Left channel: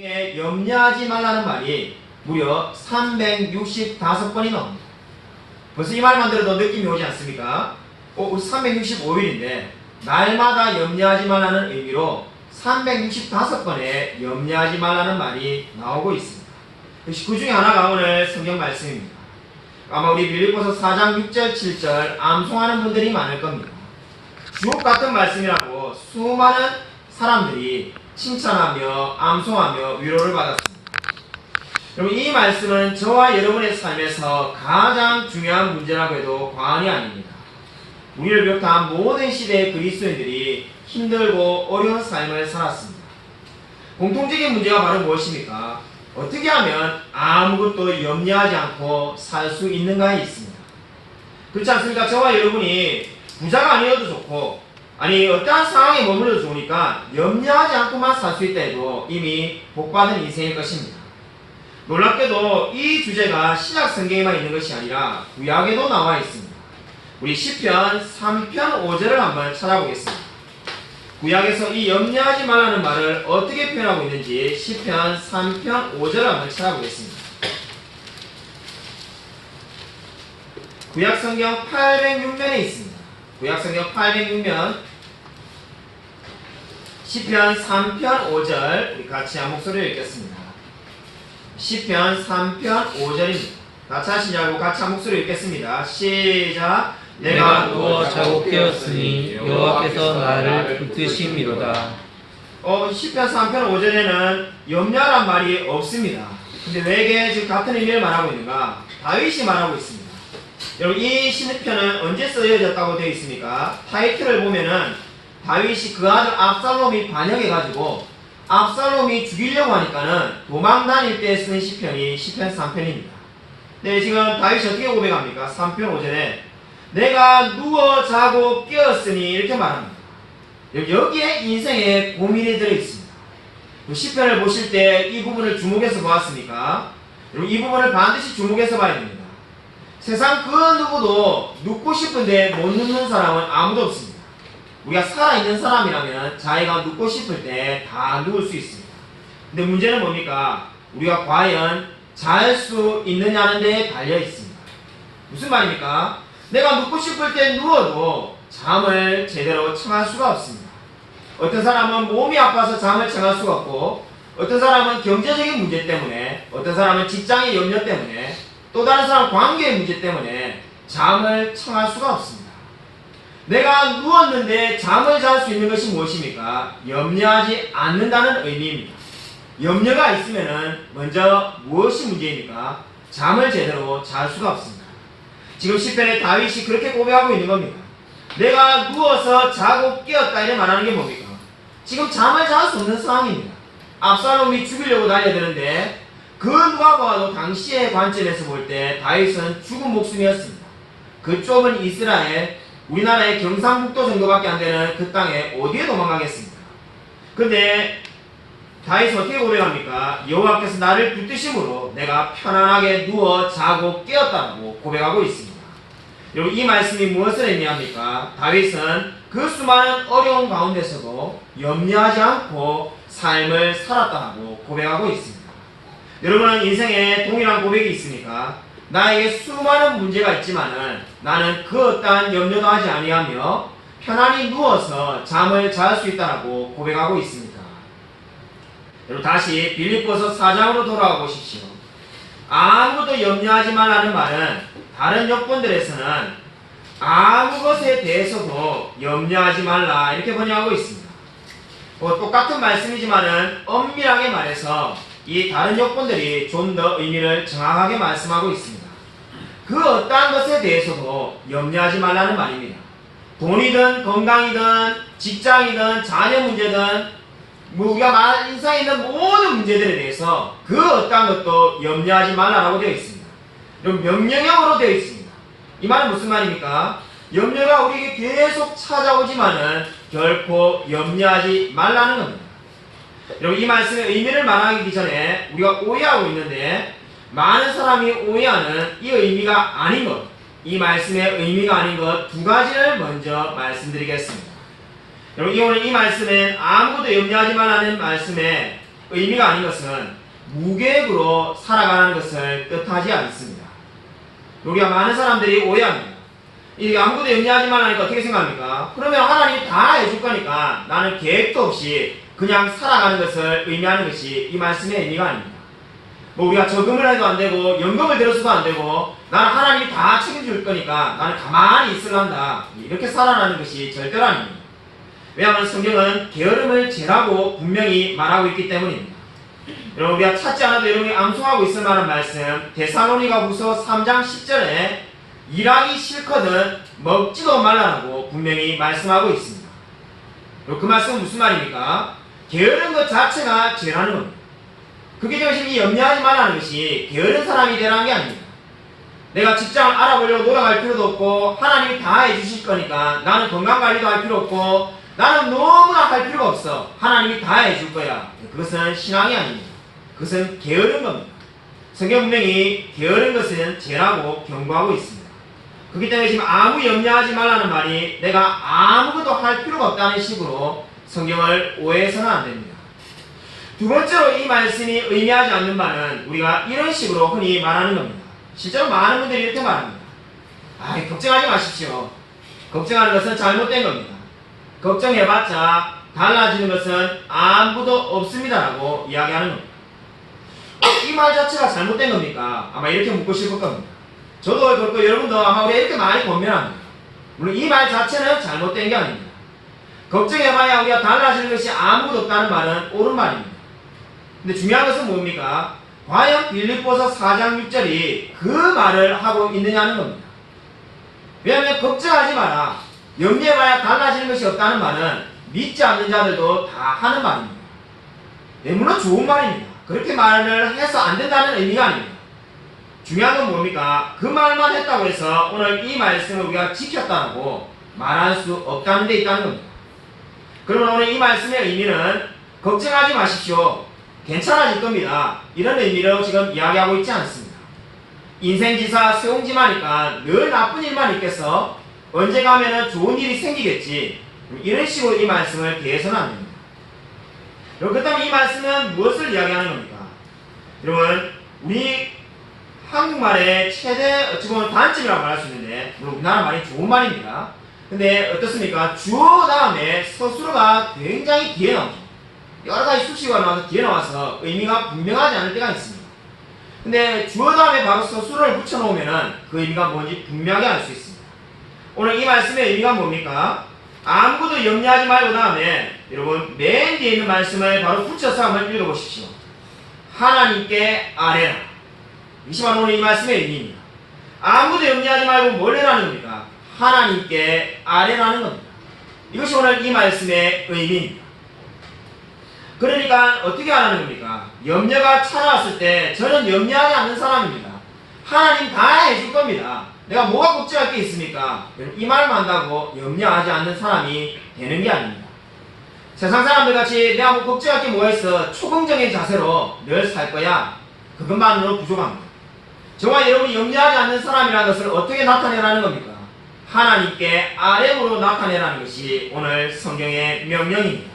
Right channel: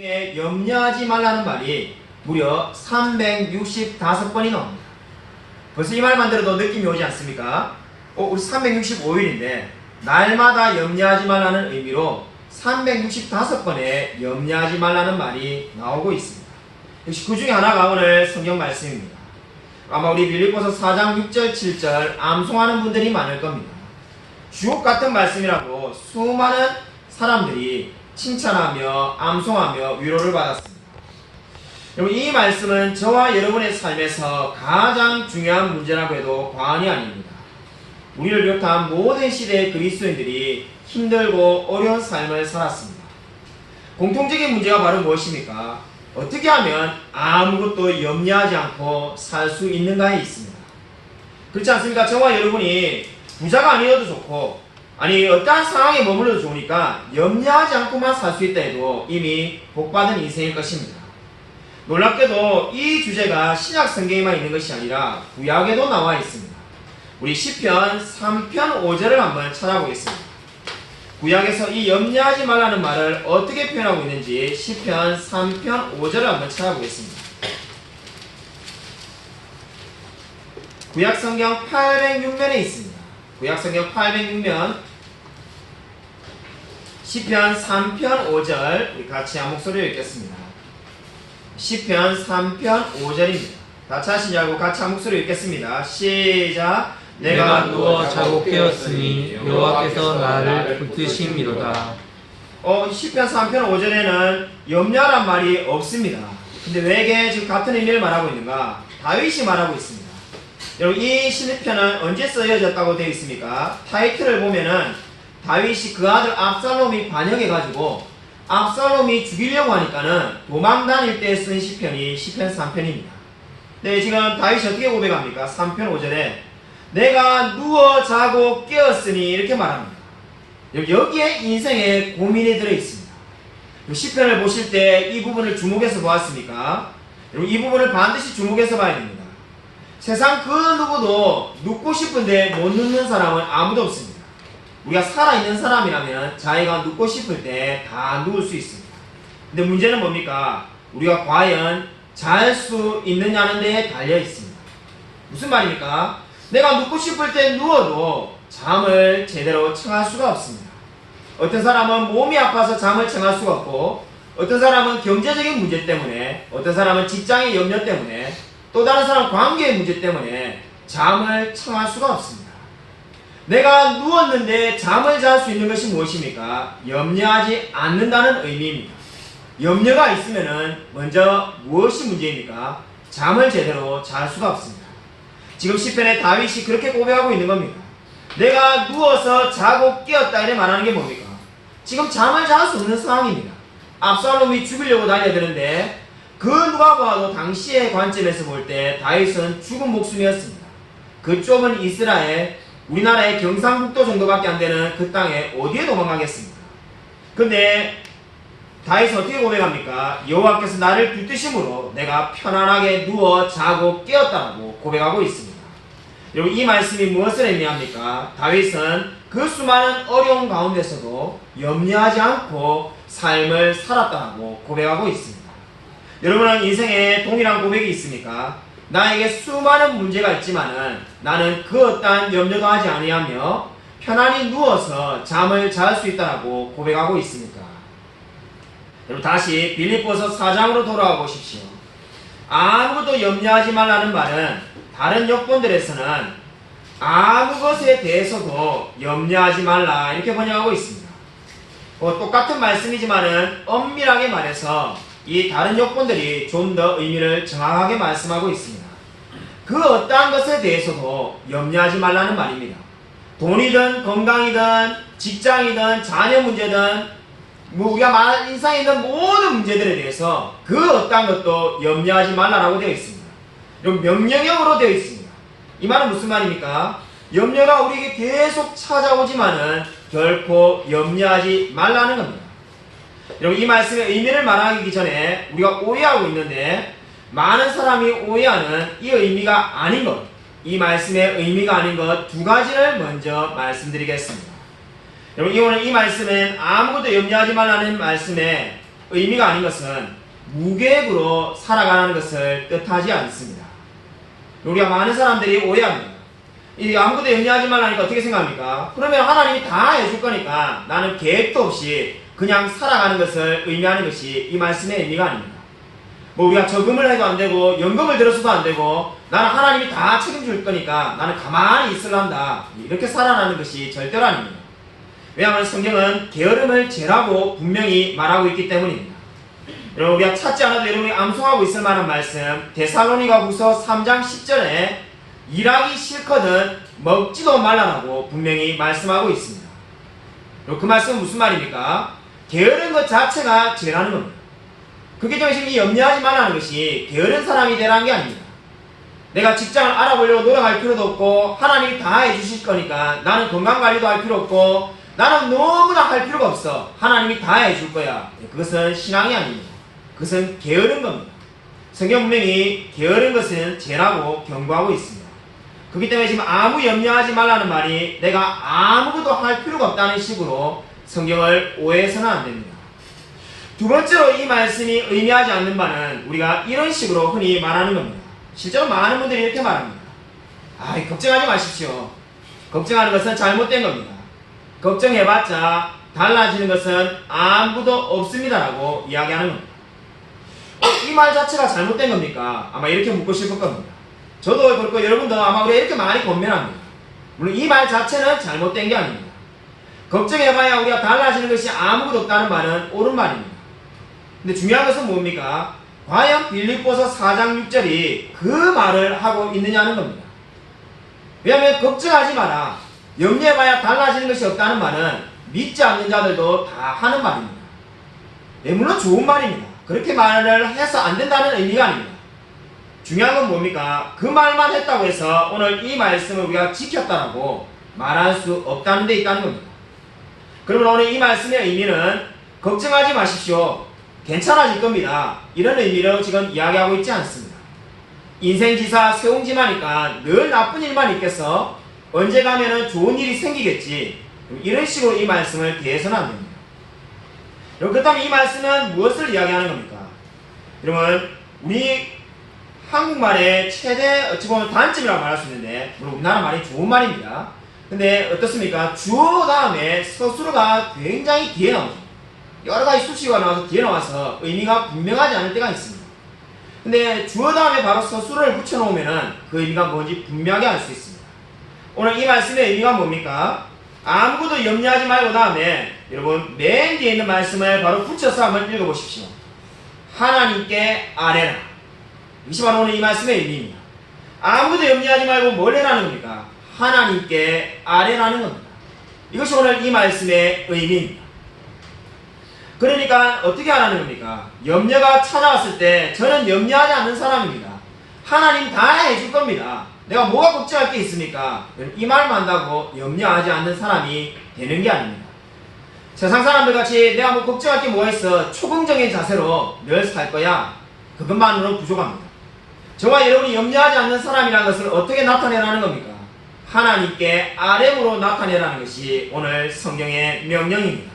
염려하지 말라는 말이 무려 365번이 나옵니다. 벌써 이 말만 들어도 느낌이 오지 않습니까? 우리 365일인데 날마다 염려하지 말라는 의미로 365번의 염려하지 말라는 말이 나오고 있습니다. 역시 그 중에 하나가 오늘 성경 말씀입니다. 아마 우리 빌립보서 4장 6절 7절 암송하는 분들이 많을 겁니다. 주옥 같은 말씀이라고 수많은 사람들이 칭찬하며 암송하며 위로를 받았습니다. 여러분, 이 말씀은 저와 여러분의 삶에서 가장 중요한 문제라고 해도 과언이 아닙니다. 우리를 비롯한 모든 시대의 그리스도인들이 힘들고 어려운 삶을 살았습니다. 공통적인 문제가 바로 무엇입니까? 어떻게 하면 아무것도 염려하지 않고 살 수 있는가에 있습니다. 그렇지 않습니까? 저와 여러분이 부자가 아니어도 좋고 어떠한 상황에 머물러도 좋으니까 염려하지 않고만 살 수 있다 해도 이미 복받은 인생일 것입니다. 놀랍게도 이 주제가 신약 성경에만 있는 것이 아니라 구약에도 나와 있습니다. 우리 시편 3편 5절을 한번 찾아보겠습니다. 구약에서 이 염려하지 말라는 말을 어떻게 표현하고 있는지 시편 3편 5절을 한번 찾아보겠습니다. 구약 성경 806면에 있습니다. 구약 성경 806면 시편 3편 5절 우리 같이 한 목소리로 읽겠습니다. 시편 3편 5절입니다. 다 찾으신 줄 알고 같이 한 목소리로 읽겠습니다. 시작. 내가 누워 자고 깨었으니 여호와께서 나를 붙드심이로다. 시편 3편 5절에는 염려란 말이 없습니다. 근데 왜 지금 같은 의미를 말하고 있는가? 다윗이 말하고 있습니다. 여러분, 이 시편은 언제 쓰여졌다고 되어 있습니까? 타이틀을 보면은 다윗이 그 아들 압살롬이 반역해가지고 압살롬이 죽이려고 하니까는 도망 다닐 때 쓴 시편이 시편 3편입니다. 네, 지금 다윗이 어떻게 고백합니까? 3편 5절에 내가 누워 자고 깨었으니 이렇게 말합니다. 여기에 인생의 고민이 들어있습니다. 시편을 보실 때 이 부분을 주목해서 보았습니까? 이 부분을 반드시 주목해서 봐야 됩니다. 세상 그 누구도 눕고 싶은데 못 눕는 사람은 아무도 없습니다. 우리가 살아있는 사람이라면 자기가 눕고 싶을 때 다 누울 수 있습니다. 근데 문제는 뭡니까? 우리가 과연 잘 수 있느냐는 데에 달려 있습니다. 무슨 말입니까? 내가 눕고 싶을 때 누워도 잠을 제대로 청할 수가 없습니다. 어떤 사람은 몸이 아파서 잠을 청할 수가 없고, 어떤 사람은 경제적인 문제 때문에, 어떤 사람은 직장의 염려 때문에, 또 다른 사람은 관계의 문제 때문에 잠을 청할 수가 없습니다. 내가 누웠는데 잠을 잘 수 있는 것이 무엇입니까? 염려하지 않는다는 의미입니다. 염려가 있으면은 먼저 무엇이 문제입니까? 잠을 제대로 잘 수가 없습니다. 지금 시편에 다윗이 그렇게 고백하고 있는 겁니다. 내가 누워서 자고 깨었다 이래 말하는 게 뭡니까? 지금 잠을 잘 수 없는 상황입니다. 압살롬이 죽이려고 달려드는데 그 누가 봐도 당시의 관점에서 볼 때 다윗은 죽은 목숨이었습니다. 그 좁은 이스라엘, 우리나라의 경상북도 정도밖에 안 되는 그 땅에 어디에 도망가겠습니까? 근데 다윗은 어떻게 고백합니까? 여호와께서 나를 붙드심으로 내가 편안하게 누워 자고 깨었다고 고백하고 있습니다. 여러분, 이 말씀이 무엇을 의미합니까? 다윗은 그 수많은 어려운 가운데서도 염려하지 않고 삶을 살았다고 고백하고 있습니다. 여러분은 인생에 동일한 고백이 있습니까? 나에게 수많은 문제가 있지만은 나는 그 어떠한 염려도 하지 아니하며 편안히 누워서 잠을 잘 수 있다고 고백하고 있습니까? 여러분, 다시 빌립보서 4장으로 돌아와 보십시오. 아무것도 염려하지 말라는 말은 다른 역본들에서는 아무 것에 대해서도 염려하지 말라 이렇게 번역하고 있습니다. 똑같은 말씀이지만은 엄밀하게 말해서 이 다른 역본들이 좀 더 의미를 정확하게 말씀하고 있습니다. 그 어떠한 것에 대해서도 염려하지 말라는 말입니다. 돈이든 건강이든 직장이든 자녀 문제든 우리가 인생에 있는 모든 문제들에 대해서 그 어떠한 것도 염려하지 말라라고 되어 있습니다. 명령형으로 되어 있습니다. 이 말은 무슨 말입니까? 염려가 우리에게 계속 찾아오지만은 결코 염려하지 말라는 겁니다. 여러분, 이 말씀의 의미를 말하기 전에 우리가 오해하고 있는데 많은 사람이 오해하는 이 의미가 아닌 것, 이 말씀의 의미가 아닌 것 두 가지를 먼저 말씀드리겠습니다. 여러분, 이 말씀엔 아무것도 염려하지 말라는 말씀에 의미가 아닌 것은 무계획으로 살아가는 것을 뜻하지 않습니다. 우리가 많은 사람들이 오해합니다. 이 아무것도 염려하지 말라니까 어떻게 생각합니까? 그러면 하나님이 다 해줄 거니까 나는 계획도 없이 그냥 살아가는 것을 의미하는 것이 이 말씀의 의미가 아닙니다. 뭐 우리가 저금을 해도 안 되고 연금을 들었어도 안 되고 나는 하나님이 다 책임줄 거니까 나는 가만히 있을란다, 이렇게 살아가는 것이 절대로 아닙니다. 왜냐하면 성경은 게으름을 죄라고 분명히 말하고 있기 때문입니다. 여러분, 우리가 찾지 않아도 여러분이 암송하고 있을 만한 말씀, 데살로니가후서 3장 10절에 일하기 싫거든 먹지도 말라라고 분명히 말씀하고 있습니다. 그 말씀은 무슨 말입니까? 게으른 것 자체가 죄라는 겁니다. 그렇기 때문에 지금 이 염려하지 말라는 것이 게으른 사람이 되라는 게 아닙니다. 내가 직장을 알아보려고 노력할 필요도 없고 하나님이 다 해주실 거니까 나는 건강관리도 할 필요 없고 나는 너무나 할 필요가 없어, 하나님이 다 해줄 거야. 그것은 신앙이 아닙니다. 그것은 게으른 겁니다. 성경 분명히 게으른 것은 죄라고 경고하고 있습니다. 그렇기 때문에 지금 아무 염려하지 말라는 말이 내가 아무것도 할 필요가 없다는 식으로 성경을 오해해서는 안 됩니다. 두 번째로 이 말씀이 의미하지 않는 바는 우리가 이런 식으로 흔히 말하는 겁니다. 실제로 많은 분들이 이렇게 말합니다. 걱정하지 마십시오. 걱정하는 것은 잘못된 겁니다. 걱정해봤자 달라지는 것은 아무도 없습니다라고 이야기하는 겁니다. 이 말 자체가 잘못된 겁니까? 아마 이렇게 묻고 싶을 겁니다. 저도 그렇고 여러분도 아마 우리가 이렇게 많이 권면합니다. 물론 이 말 자체는 잘못된 게 아닙니다. 걱정해봐야 우리가 달라지는 것이 아무것도 없다는 말은 옳은 말입니다. 근데 중요한 것은 뭡니까? 과연 빌립보서 4장 6절이 그 말을 하고 있느냐는 겁니다. 왜냐하면 걱정하지 마라, 염려해봐야 달라지는 것이 없다는 말은 믿지 않는 자들도 다 하는 말입니다. 물론 좋은 말입니다. 그렇게 말을 해서 안 된다는 의미가 아닙니다. 중요한 건 뭡니까? 그 말만 했다고 해서 오늘 이 말씀을 우리가 지켰다고 말할 수 없다는 데 있다는 겁니다. 그러면 오늘 이 말씀의 의미는 걱정하지 마십시오, 괜찮아질 겁니다, 이런 의미로 지금 이야기하고 있지 않습니다. 인생지사 세옹지마니까 늘 나쁜 일만 있겠어, 언제 가면은 좋은 일이 생기겠지, 이런 식으로 이 말씀을 대해서는 안 됩니다. 그렇다면 이 말씀은 무엇을 이야기하는 겁니까? 여러분, 우리 한국말의 최대 어찌 보면 단점이라고 말할 수 있는데, 물론 우리나라 말이 좋은 말입니다. 근데 어떻습니까? 주어 다음에 서술어가 굉장히 뒤에 나옵니다. 여러 가지 수식어가 나와서 뒤에 나와서 의미가 분명하지 않을 때가 있습니다. 근데 주어 다음에 바로 서술어를 붙여놓으면 그 의미가 뭔지 분명하게 알 수 있습니다. 오늘 이 말씀의 의미가 뭡니까? 아무것도 염려하지 말고 다음에 여러분 맨 뒤에 있는 말씀을 바로 붙여서 한번 읽어보십시오. 하나님께 아뢰라. 이것이 바로 오늘 이 말씀의 의미입니다. 아무것도 염려하지 말고 뭘 해라는 겁니까? 하나님께 아뢰라는 겁니다. 이것이 오늘 이 말씀의 의미입니다. 그러니까 어떻게 하라는 겁니까? 염려가 찾아왔을 때 저는 염려하지 않는 사람입니다. 하나님 다 해줄 겁니다. 내가 뭐가 걱정할 게 있습니까? 이 말만 한다고 염려하지 않는 사람이 되는 게 아닙니다. 세상 사람들 같이 내가 뭐 걱정할 게 뭐가 있어, 초긍정의 자세로 늘 살 거야, 그것만으로 부족합니다. 저와 여러분이 염려하지 않는 사람이라는 것을 어떻게 나타내라는 겁니까? 하나님께 아뢰므로 나타내라는 것이 오늘 성경의 명령입니다.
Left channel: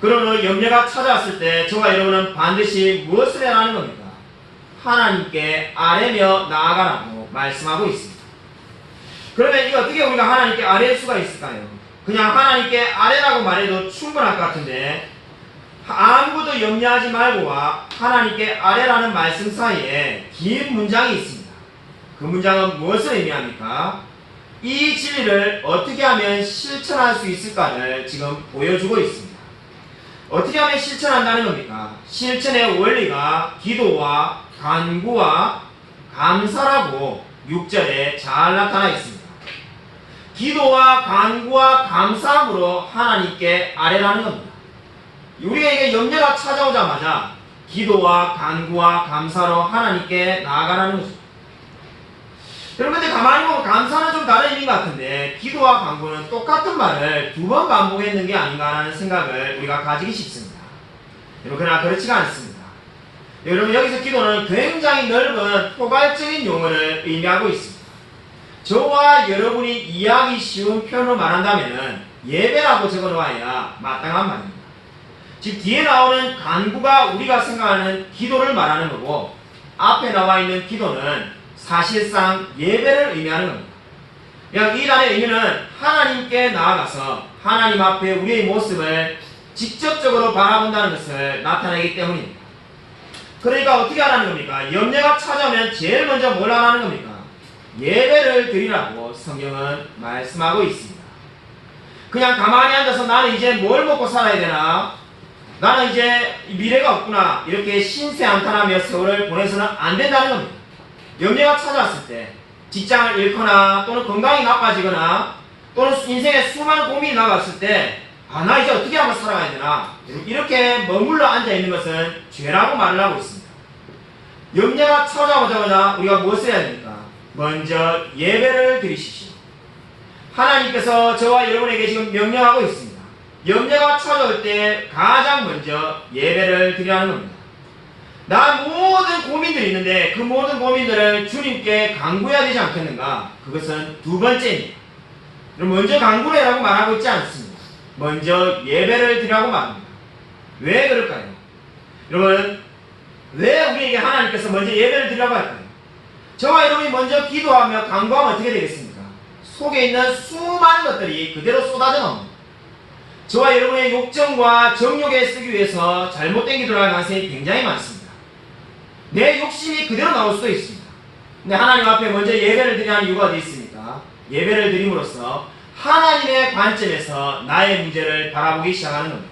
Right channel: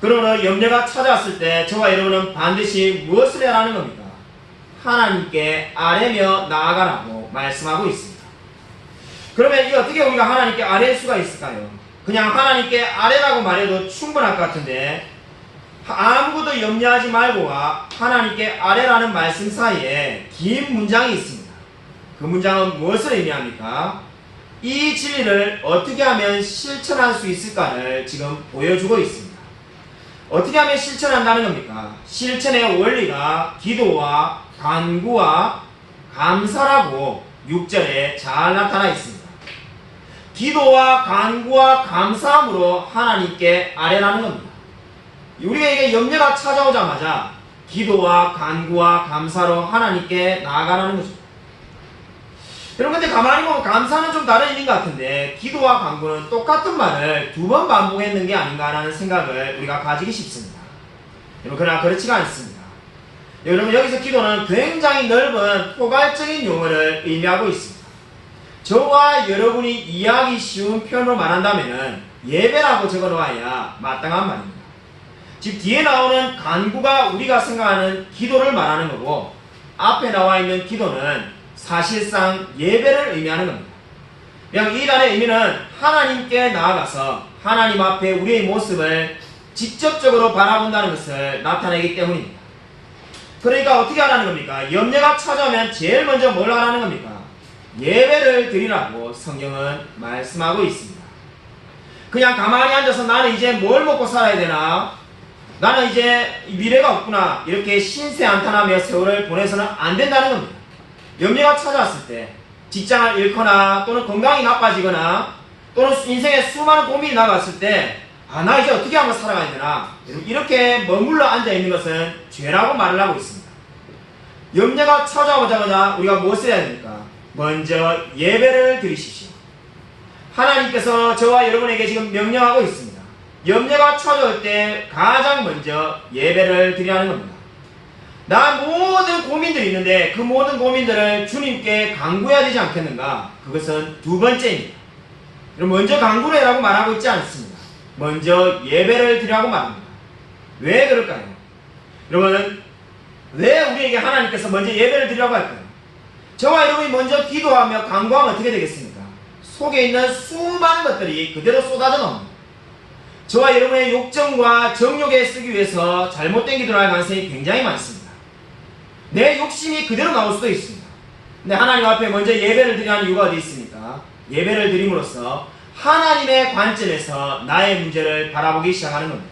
그러므로 염려가 찾아왔을 때 저와 여러분은 반드시 무엇을 해라는 겁니까? 하나님께 아뢰며 나아가라고 말씀하고 있습니다. 그러면 이 어떻게 우리가 하나님께 아뢰일 수가 있을까요? 그냥 하나님께 아뢰라고 말해도 충분할 것 같은데, 아무것도 염려하지 말고와 하나님께 아뢰라는 말씀 사이에 긴 문장이 있습니다. 그 문장은 무엇을 의미합니까? 이 진리를 어떻게 하면 실천할 수 있을까를 지금 보여주고 있습니다. 어떻게 하면 실천한다는 겁니까? 실천의 원리가 기도와 간구와 감사라고 6절에 잘 나타나 있습니다. 기도와 간구와 감사함으로 하나님께 아뢰라는 겁니다. 우리가 이게 염려가 찾아오자마자 기도와 간구와 감사로 하나님께 나아가라는 거죠. 여러분, 근데 가만히 보면 감사는 좀 다른 의미인 것 같은데 기도와 간구는 똑같은 말을 두 번 반복했는 게 아닌가라는 생각을 우리가 가지기 쉽습니다. 여러분, 그러나 그렇지가 않습니다. 여러분, 여기서 기도는 굉장히 넓은 포괄적인 용어를 의미하고 있습니다. 저와 여러분이 이해하기 쉬운 표현으로 말한다면 예배라고 적어놓아야 마땅한 말입니다. 즉 뒤에 나오는 간구가 우리가 생각하는 기도를 말하는 거고 앞에 나와 있는 기도는 사실상 예배를 의미하는 겁니다. 그냥 이 단의 의미는 하나님께 나아가서 하나님 앞에 우리의 모습을 직접적으로 바라본다는 것을 나타내기 때문입니다. 그러니까 어떻게 하라는 겁니까? 염려가 찾아오면 제일 먼저 뭘 하라는 겁니까? 예배를 드리라고 성경은 말씀하고 있습니다. 그냥 가만히 앉아서 나는 이제 뭘 먹고 살아야 되나? 나는 이제 미래가 없구나. 이렇게 신세한탄하며 세월을 보내서는 안 된다는 겁니다. 염려가 찾아왔을 때 직장을 잃거나 또는 건강이 나빠지거나 또는 인생에 수많은 고민이 나왔을 때 나 이제 어떻게 하면 살아가야 되나? 이렇게 머물러 앉아있는 것은 죄라고 말을 하고 있습니다. 염려가 찾아오자마자 우리가 무엇을 해야 됩니까? 먼저 예배를 드리십시오. 하나님께서 저와 여러분에게 지금 명령하고 있습니다. 염려가 찾아올 때 가장 먼저 예배를 드리라는 겁니다. 나 모든 고민들이 있는데 그 모든 고민들을 주님께 간구해야 되지 않겠는가? 그것은 두 번째입니다. 먼저 간구를 해라고 말하고 있지 않습니다. 먼저 예배를 드리라고 말합니다. 왜 그럴까요? 여러분, 왜 우리에게 하나님께서 먼저 예배를 드리라고 할까요? 저와 여러분이 먼저 기도하며 간구하면 어떻게 되겠습니까? 속에 있는 수많은 것들이 그대로 쏟아져 나옵니다. 저와 여러분의 욕정과 정욕에 쓰기 위해서 잘못된 기도를 할 가능성이 굉장히 많습니다. 내 욕심이 그대로 나올 수도 있습니다. 근데 하나님 앞에 먼저 예배를 드리는 이유가 어디 있습니까? 예배를 드림으로써 하나님의 관점에서 나의 문제를 바라보기 시작하는 겁니다.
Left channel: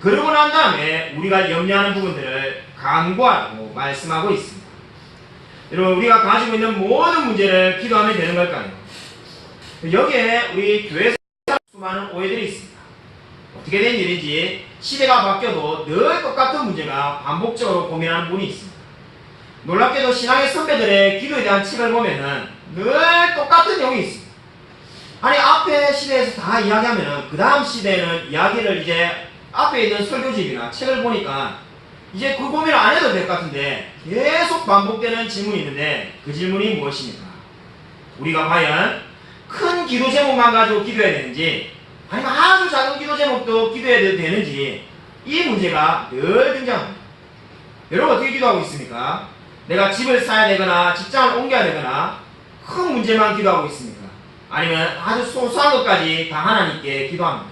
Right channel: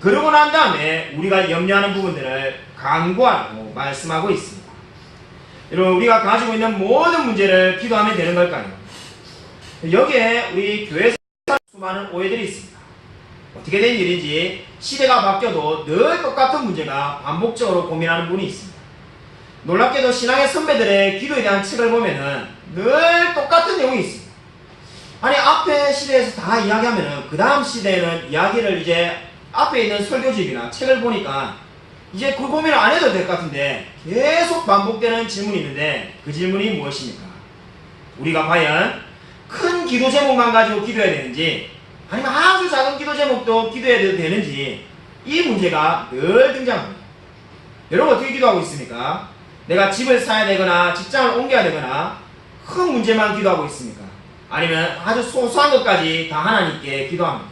그러고 난 다음에 우리가 염려하는 부분들을 간구하라고 말씀하고 있습니다. 여러분, 우리가 가지고 있는 모든 문제를 기도하면 되는 걸까요? 여기에 우리 교회에서 수많은 오해들이 있습니다. 어떻게 된 일인지 시대가 바뀌어도 늘 똑같은 문제가 반복적으로 고민하는 분이 있습니다. 놀랍게도 신앙의 선배들의 기도에 대한 책을 보면은 늘 똑같은 내용이 있습니다. 아니, 앞에 시대에서 다 이야기하면은 그 다음 시대에는 이야기를 이제 앞에 있는 설교집이나 책을 보니까 이제 그 고민을 안 해도 될 것 같은데 계속 반복되는 질문이 있는데 그 질문이 무엇입니까? 우리가 과연 큰 기도 제목만 가지고 기도해야 되는지 아니면 아주 작은 기도 제목도 기도해야 되는지 이 문제가 늘 등장합니다. 여러분, 어떻게 기도하고 있습니까? 내가 집을 사야 되거나 직장을 옮겨야 되거나 큰 문제만 기도하고 있습니까? 아니면 아주 소소한 것까지 다 하나님께 기도합니다.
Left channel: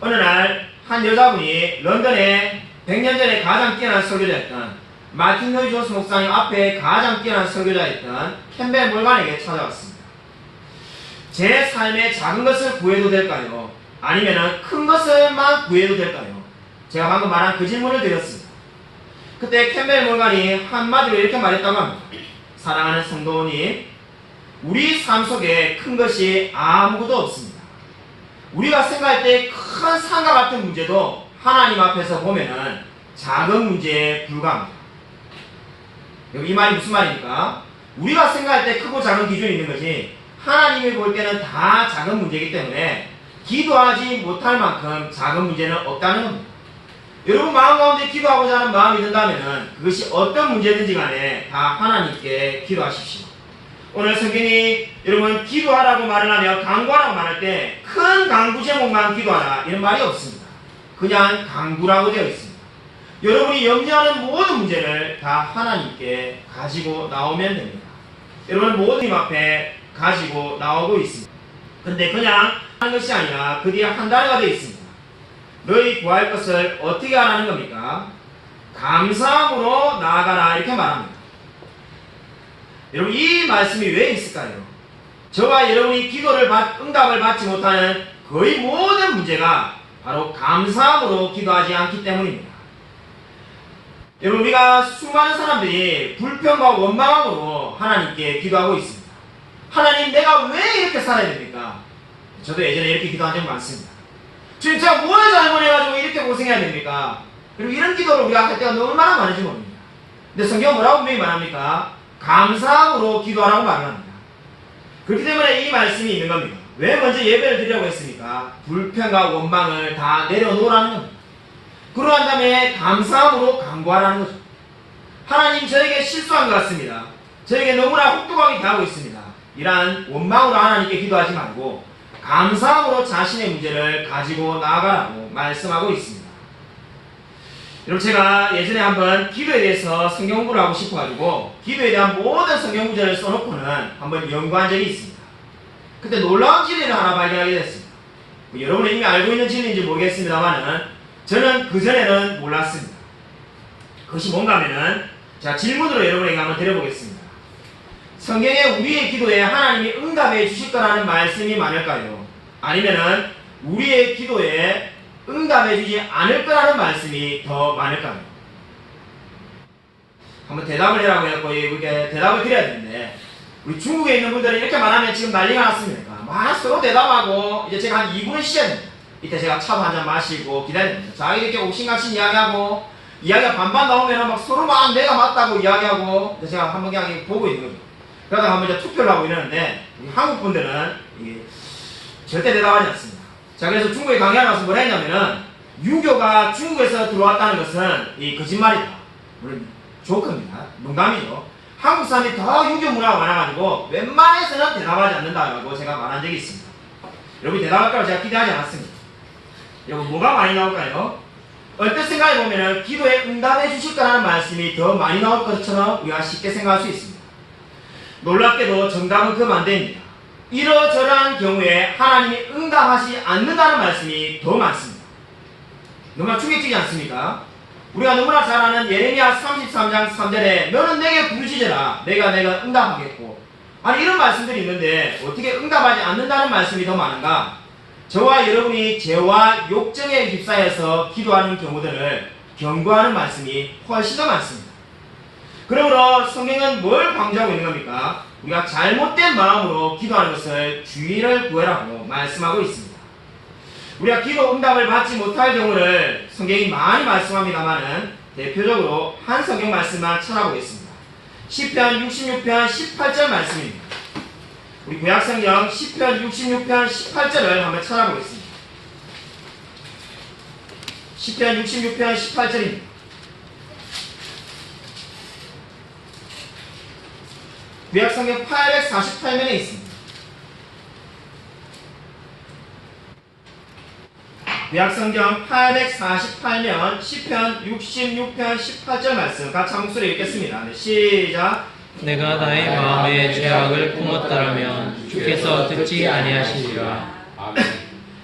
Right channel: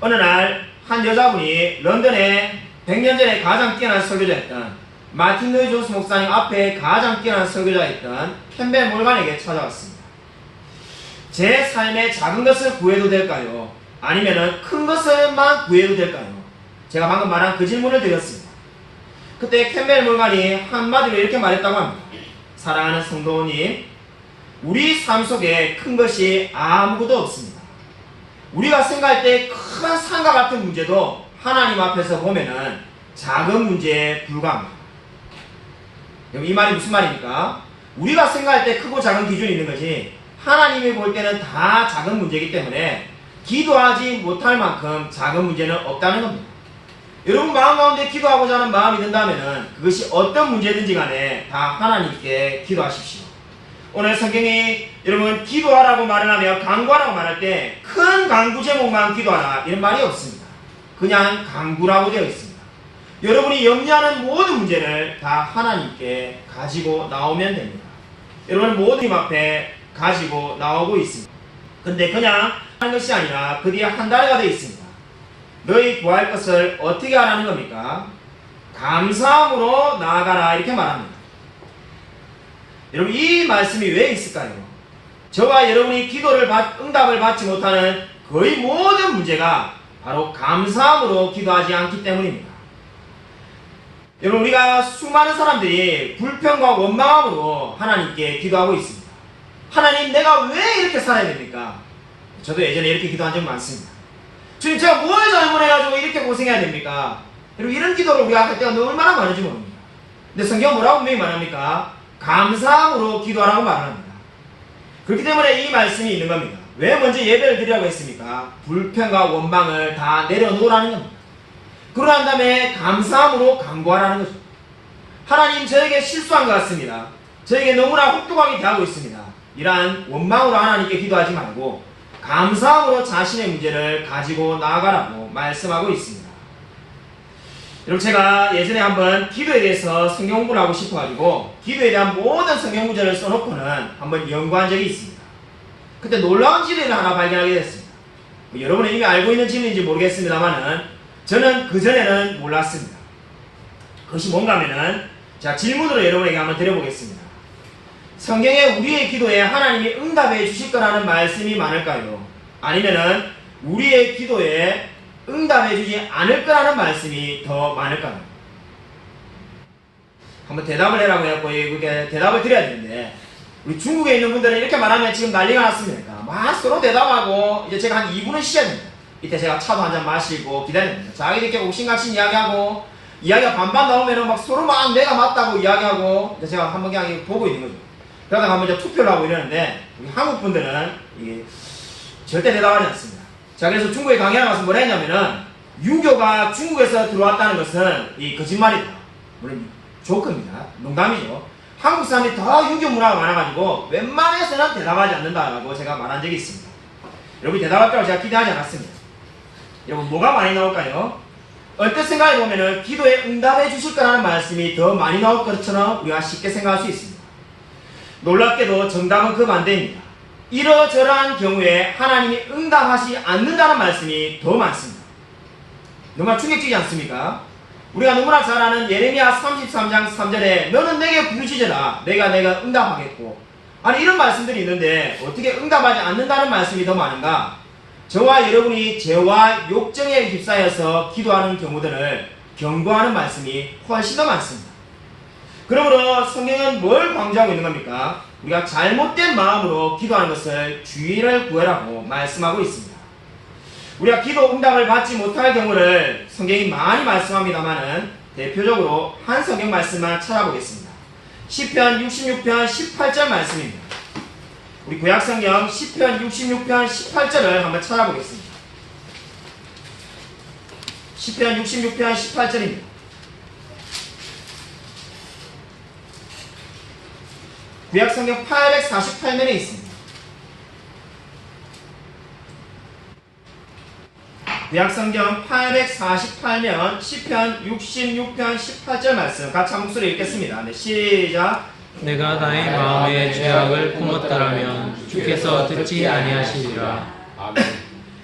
어느 날 한 여자분이 런던에 100년 전에 가장 뛰어난 설교자였던 마틴 로이 존스 목사님 앞에 가장 뛰어난 설교자였던 캠벨 몰간에게 찾아왔습니다. 제 삶에 작은 것을 구해도 될까요? 아니면 큰 것을만 구해도 될까요? 제가 방금 말한 그 질문을 드렸습니다. 그때 캠벨 몰간이 한마디로 이렇게 말했다고 합니다. 사랑하는 성도님, 우리 삶 속에 큰 것이 아무것도 없습니다. 우리가 생각할 때 큰 산과 같은 문제도 하나님 앞에서 보면은 작은 문제에 불과합니다. 이 말이 무슨 말입니까? 우리가 생각할 때 크고 작은 기준이 있는 것이 하나님이 볼 때는 다 작은 문제이기 때문에 기도하지 못할 만큼 작은 문제는 없다는 겁니다. 여러분 마음 가운데 기도하고자 하는 마음이 든다면은 그것이 어떤 문제든지 간에 다 하나님께 기도하십시오. 오늘 성경이 여러분 기도하라고 말을 하며 간구하라고 말할 때 큰 간구 제목만 기도하라 이런 말이 없습니다. 그냥 간구라고 되어 있습니다. 여러분이 염려하는 모든 문제를 다 하나님께 가지고 나오면 됩니다. 여러분 모든 힘 앞에 가지고 나오고 있습니다. 근데 그냥 하는 것이 아니라 그 뒤에 한 단어가 되어 있습니다. 너희 구할 것을 어떻게 하라는 겁니까? 감사함으로 나아가라 이렇게 말합니다. 여러분 이 말씀이 왜 있을까요? 저와 여러분이 기도를 응답을 받지 못하는 거의 모든 문제가 바로 감사함으로 기도하지 않기 때문입니다. 여러분 우리가 수많은 사람들이 불평과 원망함으로 하나님께 기도하고 있습니다. 하나님 내가 왜 이렇게 살아야 됩니까? 저도 예전에 이렇게 기도한 적 많습니다. 주님 제가 뭘 잘못해가지고 이렇게 고생해야 됩니까? 그리고 이런 기도를 우리가 할 때가 얼마나 많은지 모릅니다. 근데 성경은 뭐라고 분명히 말합니까? 감사함으로 기도하라고 말을 합니다. 그렇기 때문에 이 말씀이 있는 겁니다. 왜 먼저 예배를 드리라고 했습니까? 불평과 원망을 다 내려놓으라는 겁니다. 그러고 난 다음에 감사함으로 간구하라는 거죠. 하나님 저에게 실수한 것 같습니다. 저에게 너무나 혹독하게 대하고 있습니다. 이러한 원망으로 하나님께 기도하지 말고 감사함으로 자신의 문제를 가지고 나아가라고 말씀하고 있습니다. 여러분, 제가 예전에 한번 기도에 대해서 성경 공부를 하고 싶어가지고 기도에 대한 모든 성경 구절을 써놓고는 한번 연구한 적이 있습니다. 그때 놀라운 진리를 하나 발견하게 됐습니다. 여러분은 이미 알고 있는 진리인지 모르겠습니다만은 저는 그전에는 몰랐습니다. 그것이 뭔가 하면은 자, 질문으로 여러분에게 한번 드려보겠습니다. 성경에 우리의 기도에 하나님이 응답해 주실 거라는 말씀이 많을까요? 아니면은 우리의 기도에 응답해 주지 않을 거라는 말씀이 더 많을까요? 한번 대답을 해라고 해갖고 이렇게 대답을 드려야 되는데, 우리 중국에 있는 분들은 이렇게 말하면 지금 난리가 났습니다. 막 서로 대답하고 이제 제가 한 2분은 쉬어야 됩니다. 이때 제가 차도 한잔 마시고 기다려야 됩니다. 자기 이렇게 옥신각신 이야기하고 이야기가 반반 나오면은 막 서로 막 내가 맞다고 이야기하고 이제 제가 한번 그냥 보고 있는 거죠. 그러다가 한번 이제 투표를 하고 이러는데 우리 한국 분들은 이게 절대 대답하지 않습니다. 자, 그래서 중국에 강의하러 가서 뭐라 했냐면은 유교가 중국에서 들어왔다는 것은 이 거짓말이다. 물론 조크입니다. 농담이죠. 한국 사람이 더 유교 문화가 많아가지고 웬만해서는 대답하지 않는다라고 제가 말한 적이 있습니다. 여러분이 대답할 거라고 제가 기대하지 않았습니다. 여러분, 뭐가 많이 나올까요? 얼뜻 생각해 보면은 기도에 응답해 주실 거라는 말씀이 더 많이 나올 것처럼 우리가 쉽게 생각할 수 있습니다. 놀랍게도 정답은 그 반대입니다. 이러저러한 경우에 하나님이 응답하지 않는다는 말씀이 더 많습니다. 너무나 충격적이지 않습니까? 우리가 너무나 잘 아는 예레미야 33장 3절에 너는 내게 부르짖으라 내가 응답하겠고, 아니 이런 말씀들이 있는데 어떻게 응답하지 않는다는 말씀이 더 많은가? 저와 여러분이 죄와 욕정에 휩싸여서 기도하는 경우들을 경고하는 말씀이 훨씬 더 많습니다. 그러므로 성경은 뭘 강조하고 있는 겁니까? 우리가 잘못된 마음으로 기도하는 것을 주의를 구해라고 말씀하고 있습니다. 우리가 기도 응답을 받지 못할 경우를 성경이 많이 말씀합니다만은 대표적으로 한 성경 말씀만 찾아보겠습니다. 시편 66편 18절 말씀입니다. 우리 구약성경 시편 66편 18절을 한번 찾아보겠습니다. 시편 66편 18절입니다. 구약성경 848면에 있습니다. 구약성경 848면 시편 66편 18절 말씀 같이 한 목소리 읽겠습니다. 네, 시작. 내가 나의 마음에 죄악을 품었더라면 주께서 듣지 아니하시리라.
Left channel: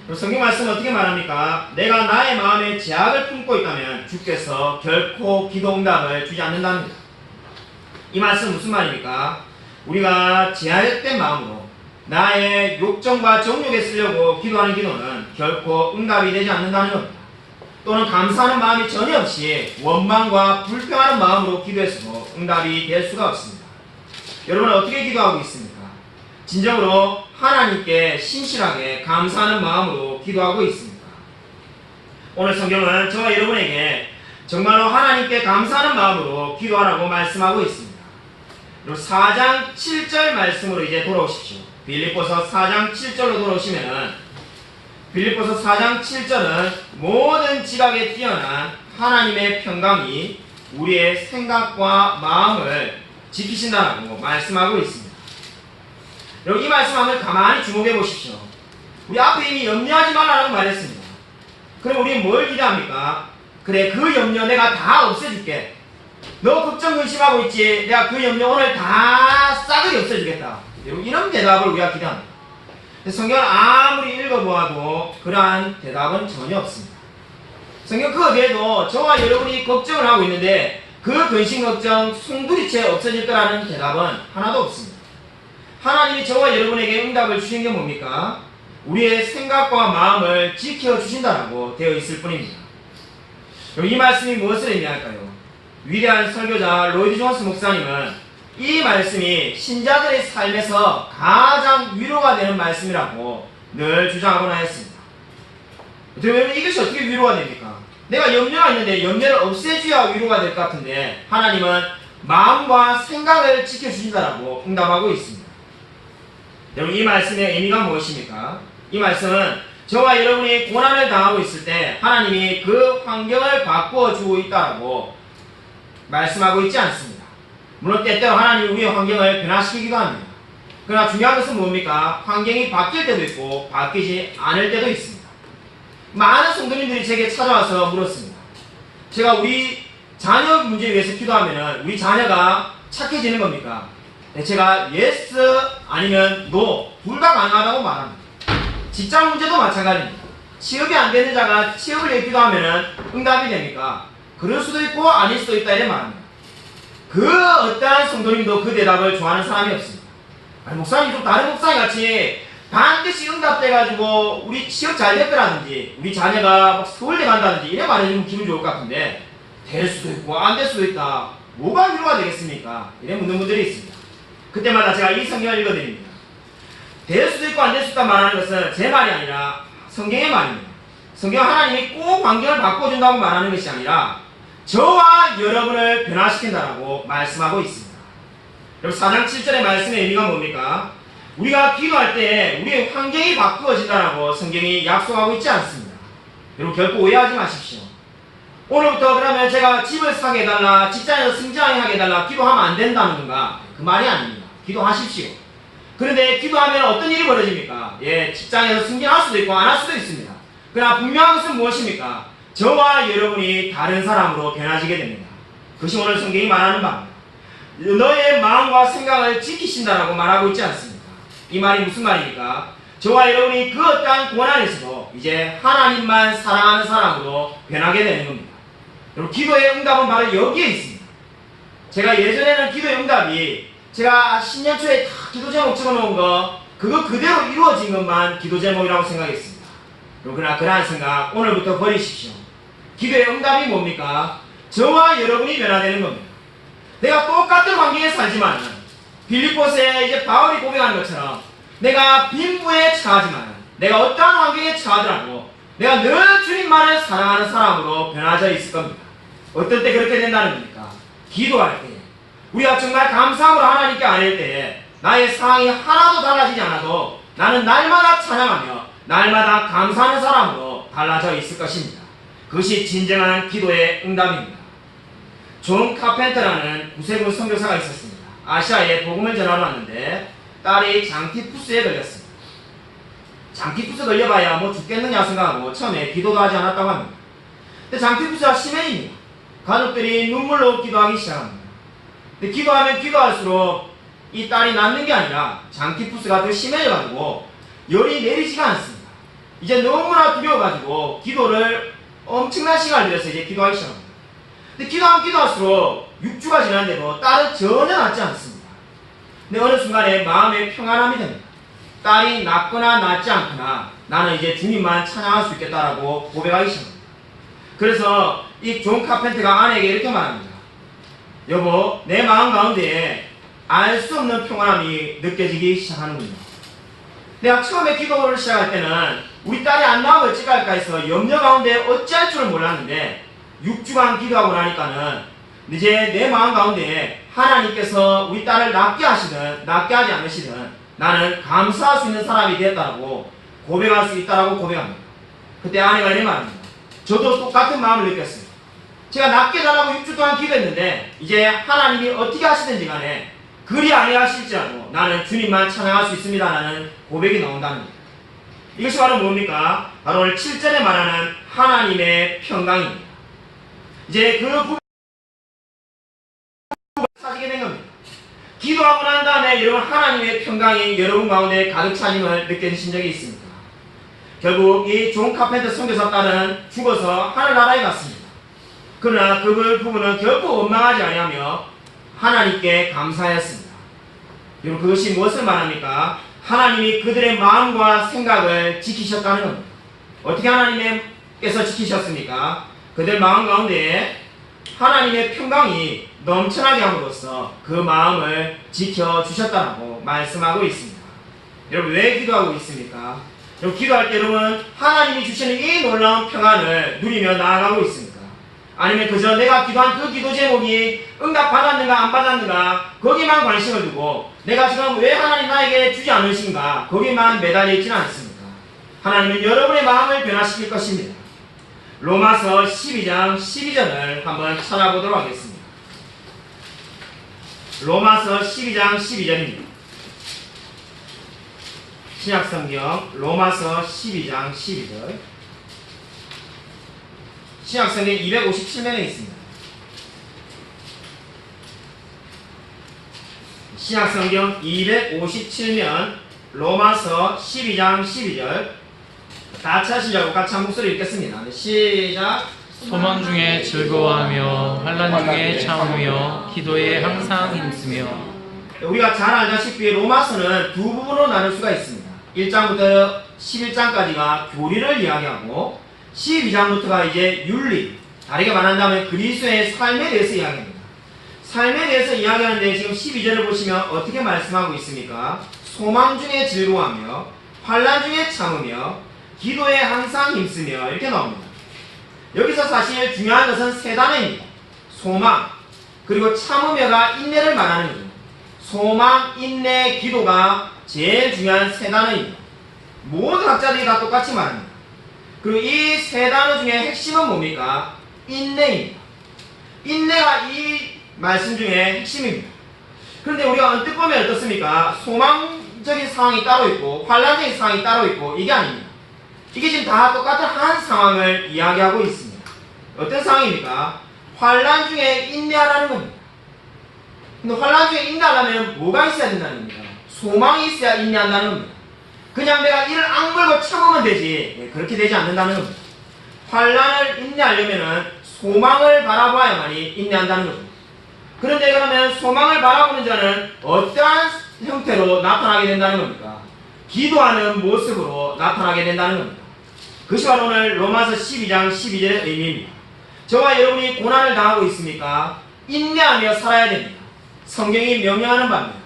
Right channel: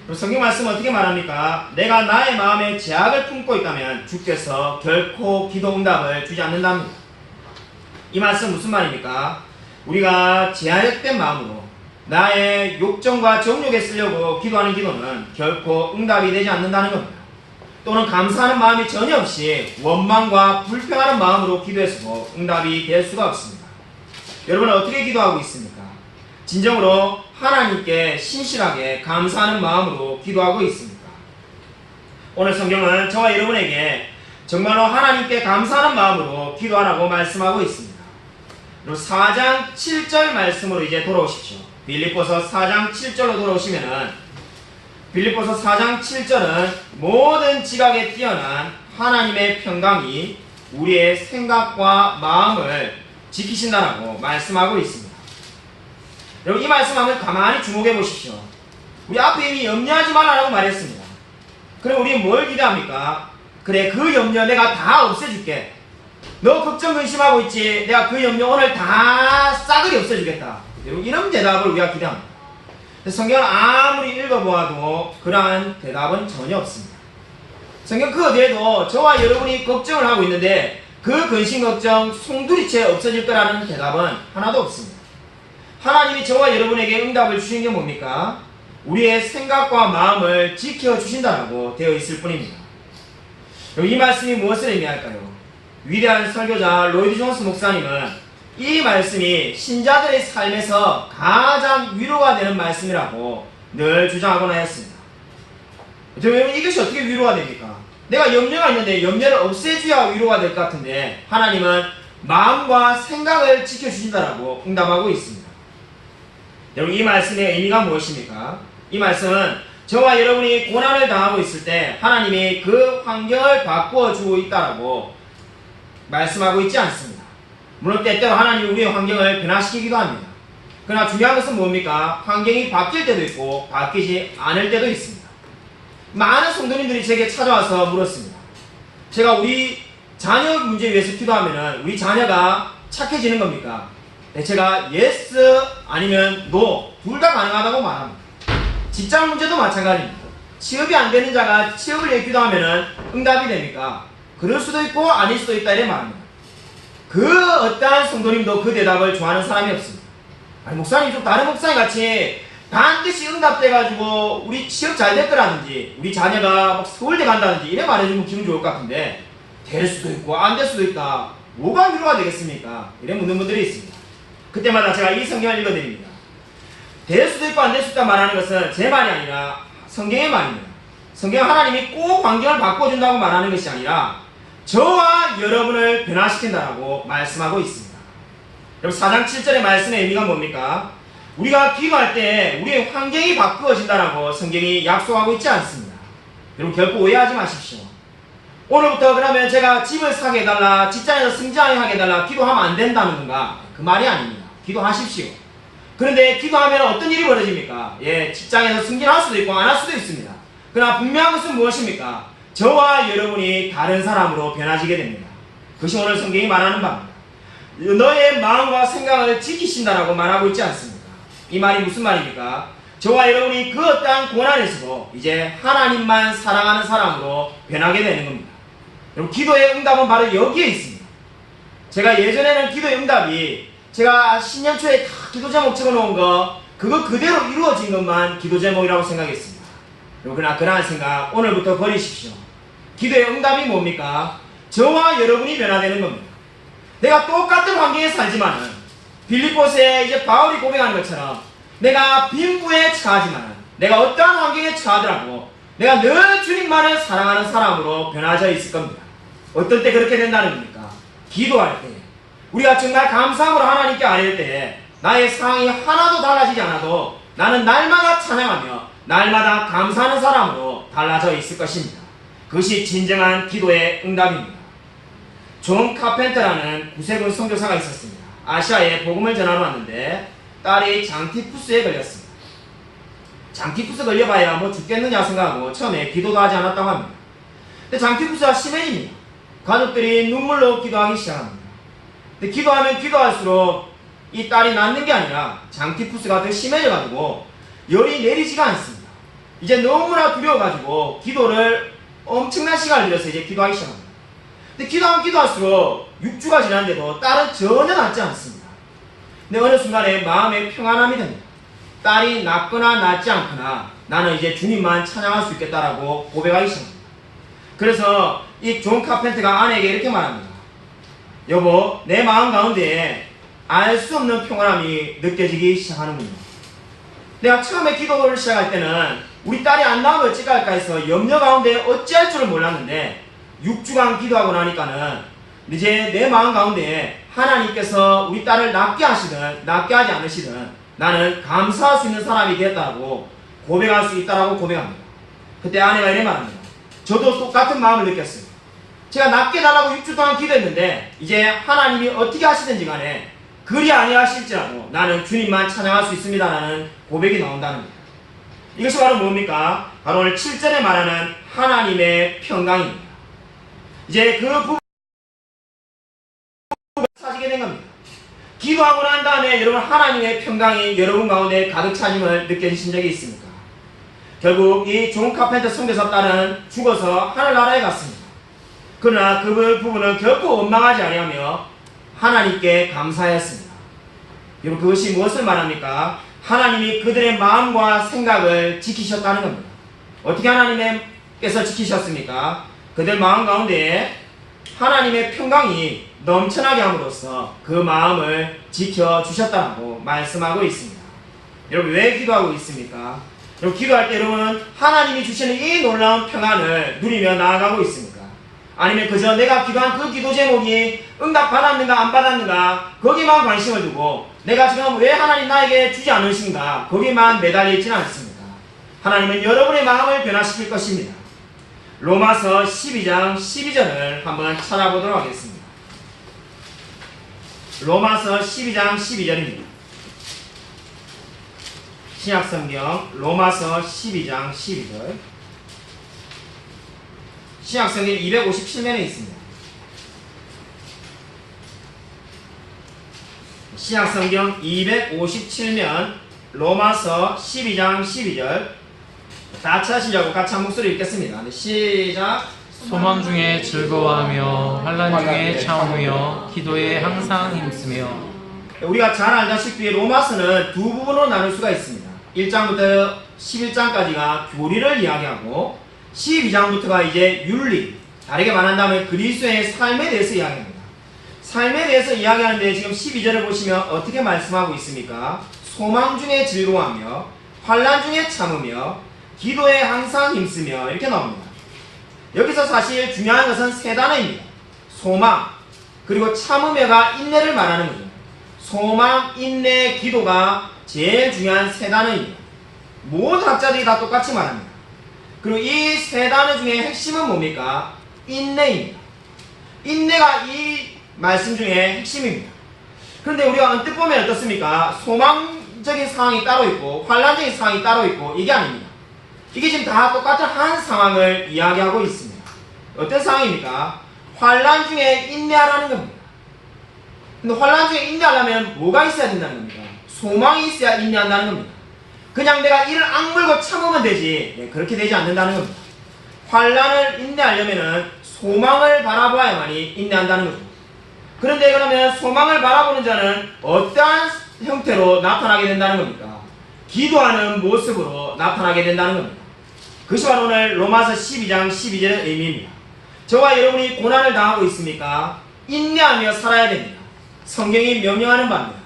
그럼 성경 말씀은 어떻게 말합니까? 내가 나의 마음에 죄악을 품고 있다면 주께서 결코 기도 응답을 주지 않는답니다. 이 말씀 무슨 말입니까? 우리가 죄악된 마음으로 나의 욕정과 정욕에 쓰려고 기도하는 기도는 결코 응답이 되지 않는다는 겁니다. 또는 감사하는 마음이 전혀 없이 원망과 불평하는 마음으로 기도해서도 응답이 될 수가 없습니다. 여러분은 어떻게 기도하고 있습니까? 진정으로 하나님께 신실하게 감사하는 마음으로 기도하고 있습니까? 오늘 성경은 저와 여러분에게 정말로 하나님께 감사하는 마음으로 기도하라고 말씀하고 있습니다. 4장 7절 말씀으로 이제 돌아오십시오. 빌립보서 4장 7절로 돌아오시면은 빌립보서 4장 7절은 모든 지각에 뛰어난 하나님의 평강이 우리의 생각과 마음을 지키신다라고 말씀하고 있습니다. 여러분, 이 말씀 한번 가만히 주목해 보십시오. 우리 앞에 이미 염려하지 말라고 말했습니다. 그럼 우리는 뭘 기대합니까? 그래, 그 염려 내가 다 없애줄게. 너 걱정 근심하고 있지? 내가 그 염려 오늘 다 싸그리 없애주겠다. 이런 대답을 우리가 기대합니다. 성경을 아무리 읽어보아도 그러한 대답은 전혀 없습니다. 성경 그 어디에도 저와 여러분이 걱정을 하고 있는데 그 근심 걱정 송두리째 없어질 거라는 대답은 하나도 없습니다. 하나님이 저와 여러분에게 응답을 주신 게 뭡니까? 우리의 생각과 마음을 지켜주신다라고 되어 있을 뿐입니다. 이 말씀이 무엇을 의미할까요? 위대한 설교자 로이드 존스 목사님은 이 말씀이 신자들의 삶에서 가장 위로가 되는 말씀이라고 늘 주장하곤 하였습니다. 여러분, 이것이 어떻게 위로가 됩니까? 내가 염려가 있는데 염려를 없애줘야 위로가 될 것 같은데 하나님은 마음과 생각을 지켜주신다라고 응답하고 있습니다. 여러분, 이 말씀의 의미가 무엇입니까? 이 말씀은 저와 여러분이 고난을 당하고 있을 때 하나님이 그 환경을 바꾸어 주고 있다라고 말씀하고 있지 않습니다. 물론 때때로 하나님이 우리의 환경을 변화시키기도 합니다. 그러나 중요한 것은 뭡니까? 환경이 바뀔 때도 있고 바뀌지 않을 때도 있습니다. 많은 성도님들이 제게 찾아와서 물었습니다. 제가 우리 자녀 문제 위해서 기도하면 우리 자녀가 착해지는 겁니까? 네, 제가 yes 아니면 no 둘 다 가능하다고 말합니다. 직장 문제도 마찬가지입니다. 취업이 안 되는 자가 취업을 위해 기도하면 응답이 됩니까? 그럴 수도 있고 아닐 수도 있다 이래 말합니다. 그 어떠한 성도님도 그 대답을 좋아하는 사람이 없습니다. 아니, 목사님 좀 다른 목사님 같이 반드시 응답돼가지고 우리 취업 잘 됐더라든지 우리 자녀가 막 서울대 간다든지 이래 말해주면 기분 좋을 것 같은데 될 수도 있고 안 될 수도 있다. 뭐가 위로가 되겠습니까? 이래 묻는 분들이 있습니다. 그때마다 제가 이 성경을 읽어드립니다. 될 수도 있고 안 될 수도 있다 말하는 것은 제 말이 아니라 성경의 말입니다. 성경은 하나님이 꼭 환경을 바꿔준다고 말하는 것이 아니라 저와 여러분을 변화시킨다라고 말씀하고 있습니다. 여러분 4장 7절의 말씀의 의미가 뭡니까? 우리가 기도할 때 우리의 환경이 바꾸어진다라고 성경이 약속하고 있지 않습니다. 여러분 결코 오해하지 마십시오. 오늘부터 그러면 제가 집을 사게 해달라, 직장에서 승진하게 해달라 기도하면 안 된다는 건가? 그 말이 아닙니다. 기도하십시오. 그런데 기도하면 어떤 일이 벌어집니까? 예, 직장에서 승진할 수도 있고 안 할 수도 있습니다. 그러나 분명한 것은 무엇입니까? 저와 여러분이 다른 사람으로 변화지게 됩니다. 그것이 오늘 성경이 말하는 바입니다. 너의 마음과 생각을 지키신다라고 말하고 있지 않습니까? 이 말이 무슨 말입니까? 저와 여러분이 그 어떠한 고난에서도 이제 하나님만 사랑하는 사람으로 변하게 되는 겁니다. 여러분 기도의 응답은 바로 여기에 있습니다. 제가 예전에는 기도의 응답이 제가 신년 초에 다 기도 제목 적어놓은 거 그거 그대로 이루어진 것만 기도 제목이라고 생각했습니다. 그러나 그러한 생각 오늘부터 버리십시오. 기도의 응답이 뭡니까? 저와 여러분이 변화되는 겁니다. 내가 똑같은 환경에 살지만은 빌립보서에 이제 바울이 고백하는 것처럼 내가 빈부에 처하지만은 내가 어떠한 환경에 처하더라도 내가 늘 주님만을 사랑하는 사람으로 변화져 있을 겁니다. 어떨 때 그렇게 된다는 겁니까? 기도할 때 우리가 정말 감사함으로 하나님께 아뢰을 때에 나의 상황이 하나도 달라지지 않아도 나는 날마다 찬양하며 날마다 감사하는 사람으로 달라져 있을 것입니다. 그것이 진정한 기도의 응답입니다. 존 카펜터라는 구세군 선교사가 있었습니다. 아시아에 복음을 전하러 왔는데 딸이 장티푸스에 걸렸습니다. 장티푸스 걸려봐야 뭐 죽겠느냐 생각하고 처음에 기도도 하지 않았다고 합니다. 근데 장티푸스가 심해집니다. 가족들이 눈물로 기도하기 시작합니다. 근데 기도하면 기도할수록 이 딸이 낫는 게 아니라 장티푸스가 더 심해져가지고 열이 내리지가 않습니다. 이제 너무나 두려워가지고 기도를 엄청난 시간을 들여서 이제 기도하기 시작합니다. 근데 기도하면 기도할수록 6주가 지났는데도 딸은 전혀 낫지 않습니다. 근데 어느 순간에 마음에 평안함이 됩니다. 딸이 낫거나 낫지 않거나 나는 이제 주님만 찬양할 수 있겠다라고 고백하기 시작합니다. 그래서 이 존 카펜터가 아내에게 이렇게 말합니다. 여보, 내 마음 가운데에 알 수 없는 평안함이 느껴지기 시작하는군요. 내가 처음에 기도를 시작할 때는 우리 딸이 안 나오면 어찌할까 해서 염려 가운데 어찌할 줄을 몰랐는데 6주간 기도하고 나니까는 이제 내 마음 가운데 하나님께서 우리 딸을 낫게 하시든 낫게 하지 않으시든 나는 감사할 수 있는 사람이 되었다고 고백할 수 있다라고 고백합니다. 그때 아내가 이래 말합니다. 저도 똑같은 마음을 느꼈어요. 제가 낫게 달라고 6주 동안 기도했는데 이제 하나님이 어떻게 하시든지 간에 그리 아니하실지라도 나는 주님만 찬양할 수 있습니다라는 고백이 나온다는 겁니다. 이것이 바로 뭡니까? 바로 오늘 7절에 말하는 하나님의 평강입니다. 이제 그 부분을 사시게 된 겁니다. 기도하고 난 다음에 여러분 하나님의 평강이 여러분 가운데 가득 차짐을 느껴지신 적이 있습니까? 결국 이 존 카펜터 선교사 딸은 죽어서 하늘나라에 갔습니다. 그러나 그 부분은 결코 원망하지 아니하며 하나님께 감사하였습니다. 여러분 그것이 무엇을 말합니까? 하나님이 그들의 마음과 생각을 지키셨다는 겁니다. 어떻게 하나님께서 지키셨습니까? 그들 마음 가운데 하나님의 평강이 넘쳐나게 함으로써 그 마음을 지켜주셨다고 말씀하고 있습니다. 여러분 왜 기도하고 있습니까? 여러분 기도할 때 여러분 하나님이 주시는 이 놀라운 평안을 누리며 나아가고 있습니까? 아니면 그저 내가 기도한 그 기도 제목이 응답 받았는가 안 받았는가 거기만 관심을 두고 내가 지금 왜 하나님 나에게 주지 않으신가 거기만 매달려 있지는 않습니다. 하나님은 여러분의 마음을 변화시킬 것입니다. 로마서 12장 12절을 한번 찾아보도록 하겠습니다. 로마서 12장 12절입니다. 신약성경 로마서 12장 12절. 신약성경 257면에 있습니다. 신약성경 257면 로마서 12장 12절. 다 찾으시려고 같이 한 목소리 읽겠습니다. 네, 시작. 소망 중에 즐거워하며 환난 중에 참으며 기도에 항상 힘쓰며. 우리가 잘 알다시피 로마서는 두 부분으로 나눌 수가 있습니다. 1장부터 11장까지가 교리를 이야기하고 12장부터가 이제 윤리, 다르게 말한다면 그리스도의 삶에 대해서 이야기합니다. 삶에 대해서 이야기하는데 지금 12절을 보시면 어떻게 말씀하고 있습니까? 소망 중에 즐거워하며 환난 중에 참으며 기도에 항상 힘쓰며 이렇게 나옵니다. 여기서 사실 중요한 것은 세 단어입니다. 소망, 그리고 참으며가 인내를 말하는 거죠. 소망, 인내, 기도가 제일 중요한 세 단어입니다. 모든 학자들이 다 똑같이 말합니다. 그리고 이 세 단어 중에 핵심은 뭡니까? 인내입니다. 인내가 이 말씀 중에 핵심입니다. 그런데 우리가 언뜻 보면 어떻습니까? 소망적인 상황이 따로 있고 환란적인 상황이 따로 있고 이게 아닙니다. 이게 지금 다 똑같은 한 상황을 이야기하고 있습니다. 어떤 상황입니까? 환란 중에 인내하라는 겁니다. 근데 환란 중에 인내하려면 뭐가 있어야 된다는 겁니까? 소망이 있어야 인내한다는 겁니다. 그냥 내가 이를 악물고 참으면 되지, 그렇게 되지 않는다는 겁니다. 환란을 인내하려면은 소망을 바라보아야만이 인내한다는 거죠. 그런데 그러면 소망을 바라보는 자는 어떠한 형태로 나타나게 된다는 겁니까? 기도하는 모습으로 나타나게 된다는 겁니다. 그것이 바로 오늘 로마서 12장 12절의 의미입니다. 저와 여러분이 고난을 당하고 있습니까? 인내하며 살아야 됩니다. 성경이 명령하는 바입니다.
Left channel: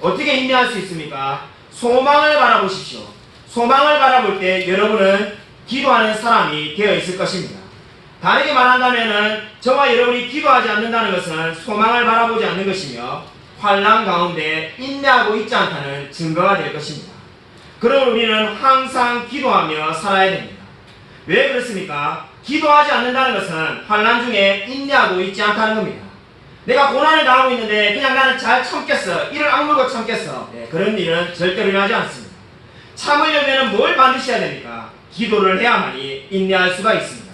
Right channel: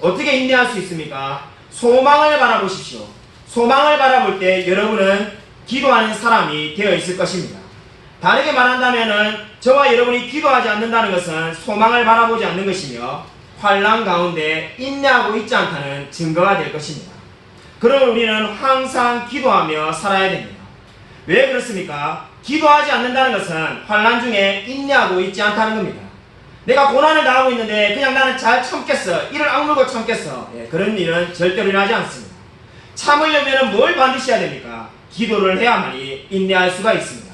어떻게 인내할 수 있습니까? 소망을 바라보십시오. 소망을 바라볼 때 여러분은 기도하는 사람이 되어 있을 것입니다. 다르게 말한다면 저와 여러분이 기도하지 않는다는 것은 소망을 바라보지 않는 것이며 환난 가운데 인내하고 있지 않다는 증거가 될 것입니다. 그러므로 우리는 항상 기도하며 살아야 됩니다. 왜 그렇습니까? 기도하지 않는다는 것은 환난 중에 인내하고 있지 않다는 겁니다. 내가 고난을 당하고 있는데 그냥 나는 잘 참겠어, 이를 악물고 참겠어, 그런 일은 절대로 일어나지 않습니다. 참으려면 뭘 반드시 해야 됩니까? 기도를 해야만이 인내할 수가 있습니다.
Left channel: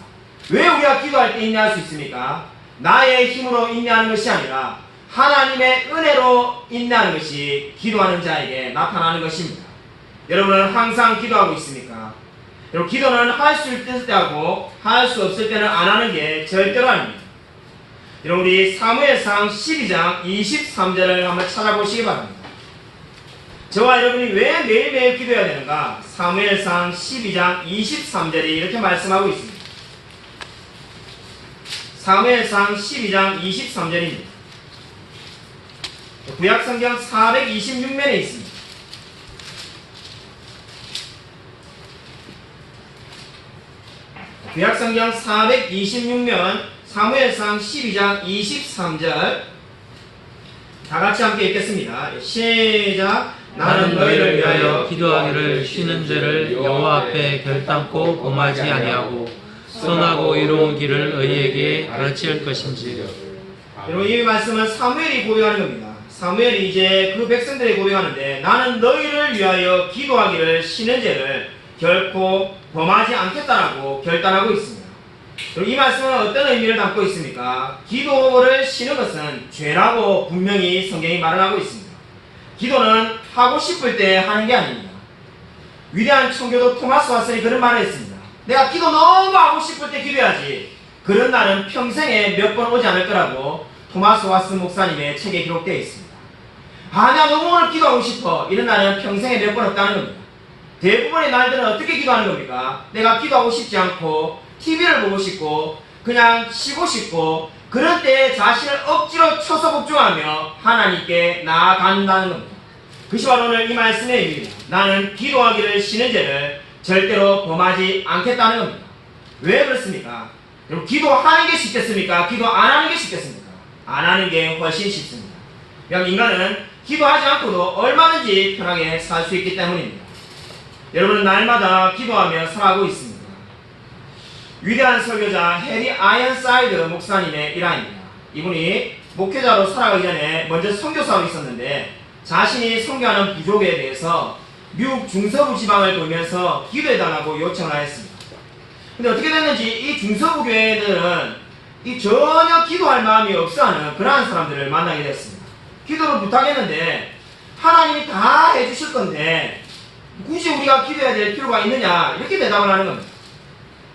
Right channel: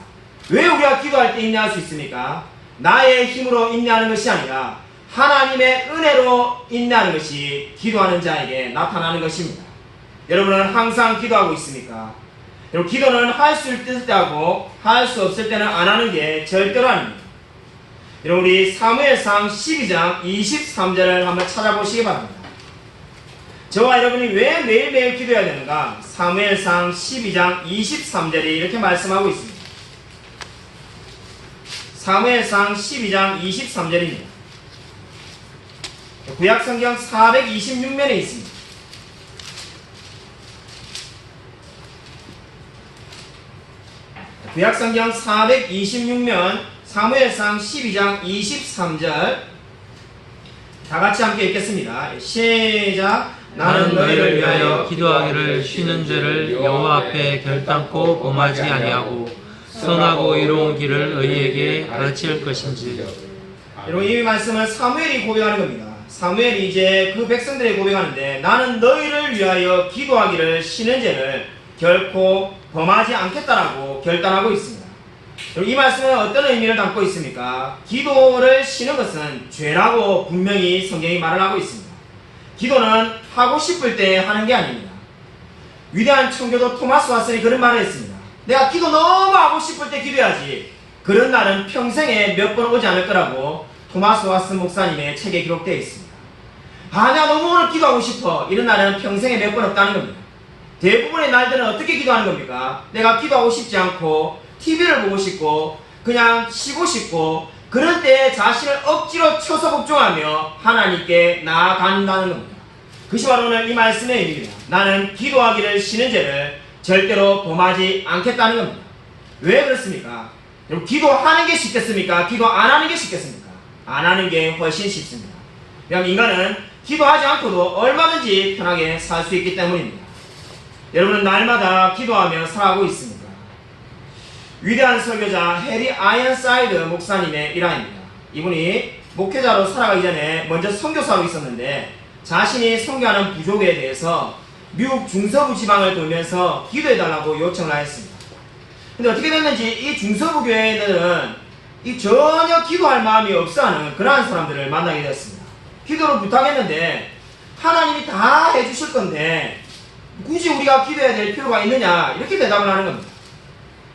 왜 우리가 기도할 때 인내할 수 있습니까? 나의 힘으로 인내하는 것이 아니라 하나님의 은혜로 인내하는 것이 기도하는 자에게 나타나는 것입니다. 여러분은 항상 기도하고 있습니까? 여러분, 기도는 할 수 있을 때 하고 할 수 없을 때는 안 하는 게 절대로 아닙니다. 여러분, 우리 사무엘상 12장 23절을 한번 찾아보시기 바랍니다. 저와 여러분이 왜 매일매일 기도해야 되는가? 사무엘상 12장 23절이 이렇게 말씀하고 있습니다. 사무엘상 12장 23절입니다. 구약성경 426면에 있습니다. 구약성경 426면 사무엘상 12장 23절 다같이 함께 읽겠습니다. 시작. 나는 너희를 위하여 기도하기를 쉬는 죄를 여호와 앞에 결단코 범하지 아니하고 선하고 이로운 길을 너희에게 가르칠 것인지. 여러분, 이 말씀은 사무엘이 고백하는 겁니다. 사무엘이 이제 그 백성들에게 고백하는데 나는 너희를 위하여 기도하기를 쉬는 죄를 결코 범하지 않겠다라고 결단하고 있습니다. 이 말씀은 어떤 의미를 담고 있습니까? 기도를 쉬는 것은 죄라고 분명히 성경이 말을 하고 있습니다. 기도는 하고 싶을 때 하는 게 아닙니다. 위대한 청교도 토마스 왓슨이 그런 말을 했습니다. 내가 기도 너무 하고 싶을 때 기도해야지, 그런 날은 평생에 몇 번 오지 않을 거라고 토마스 왓슨 목사님의 책에 기록되어 있습니다. 내가 너무 오늘 기도하고 싶어, 이런 날은 평생에 몇 번 없다는 겁니다. 대부분의 날들은 어떻게 기도하는 겁니까? 내가 기도하고 싶지 않고 TV를 보고 싶고 그냥 쉬고 싶고 그런 때에 자신을 억지로 쳐서 복종하며 하나님께 나아간다는 겁니다. 그것이 바로 오늘 이 말씀의 의미입니다. 나는 기도하기를 쉬는 죄를 절대로 범하지 않겠다는 겁니다. 왜 그렇습니까? 여러분, 기도하는 게 쉽겠습니까? 기도 안 하는 게 쉽겠습니까? 안 하는 게 훨씬 쉽습니다. 왜냐하면 인간은 기도하지 않고도 얼마든지 편하게 살 수 있기 때문입니다. 여러분은 날마다 기도하며 살아가고 있습니다. 위대한 설교자 해리 아이언사이드 목사님의 일화입니다. 이분이 목회자로 살아가기 전에 먼저 선교사로 있었는데 자신이 선교하는 부족에 대해서 미국 중서부 지방을 돌면서 기도해달라고 요청을 하였습니다. 근데 어떻게 됐는지 이 중서부 교회들은 이 전혀 기도할 마음이 없어하는 그러한 사람들을 만나게 되었습니다. 기도를 부탁했는데 하나님이 다 해주실 건데 굳이 우리가 기도해야 될 필요가 있느냐 이렇게 대답을 하는 겁니다.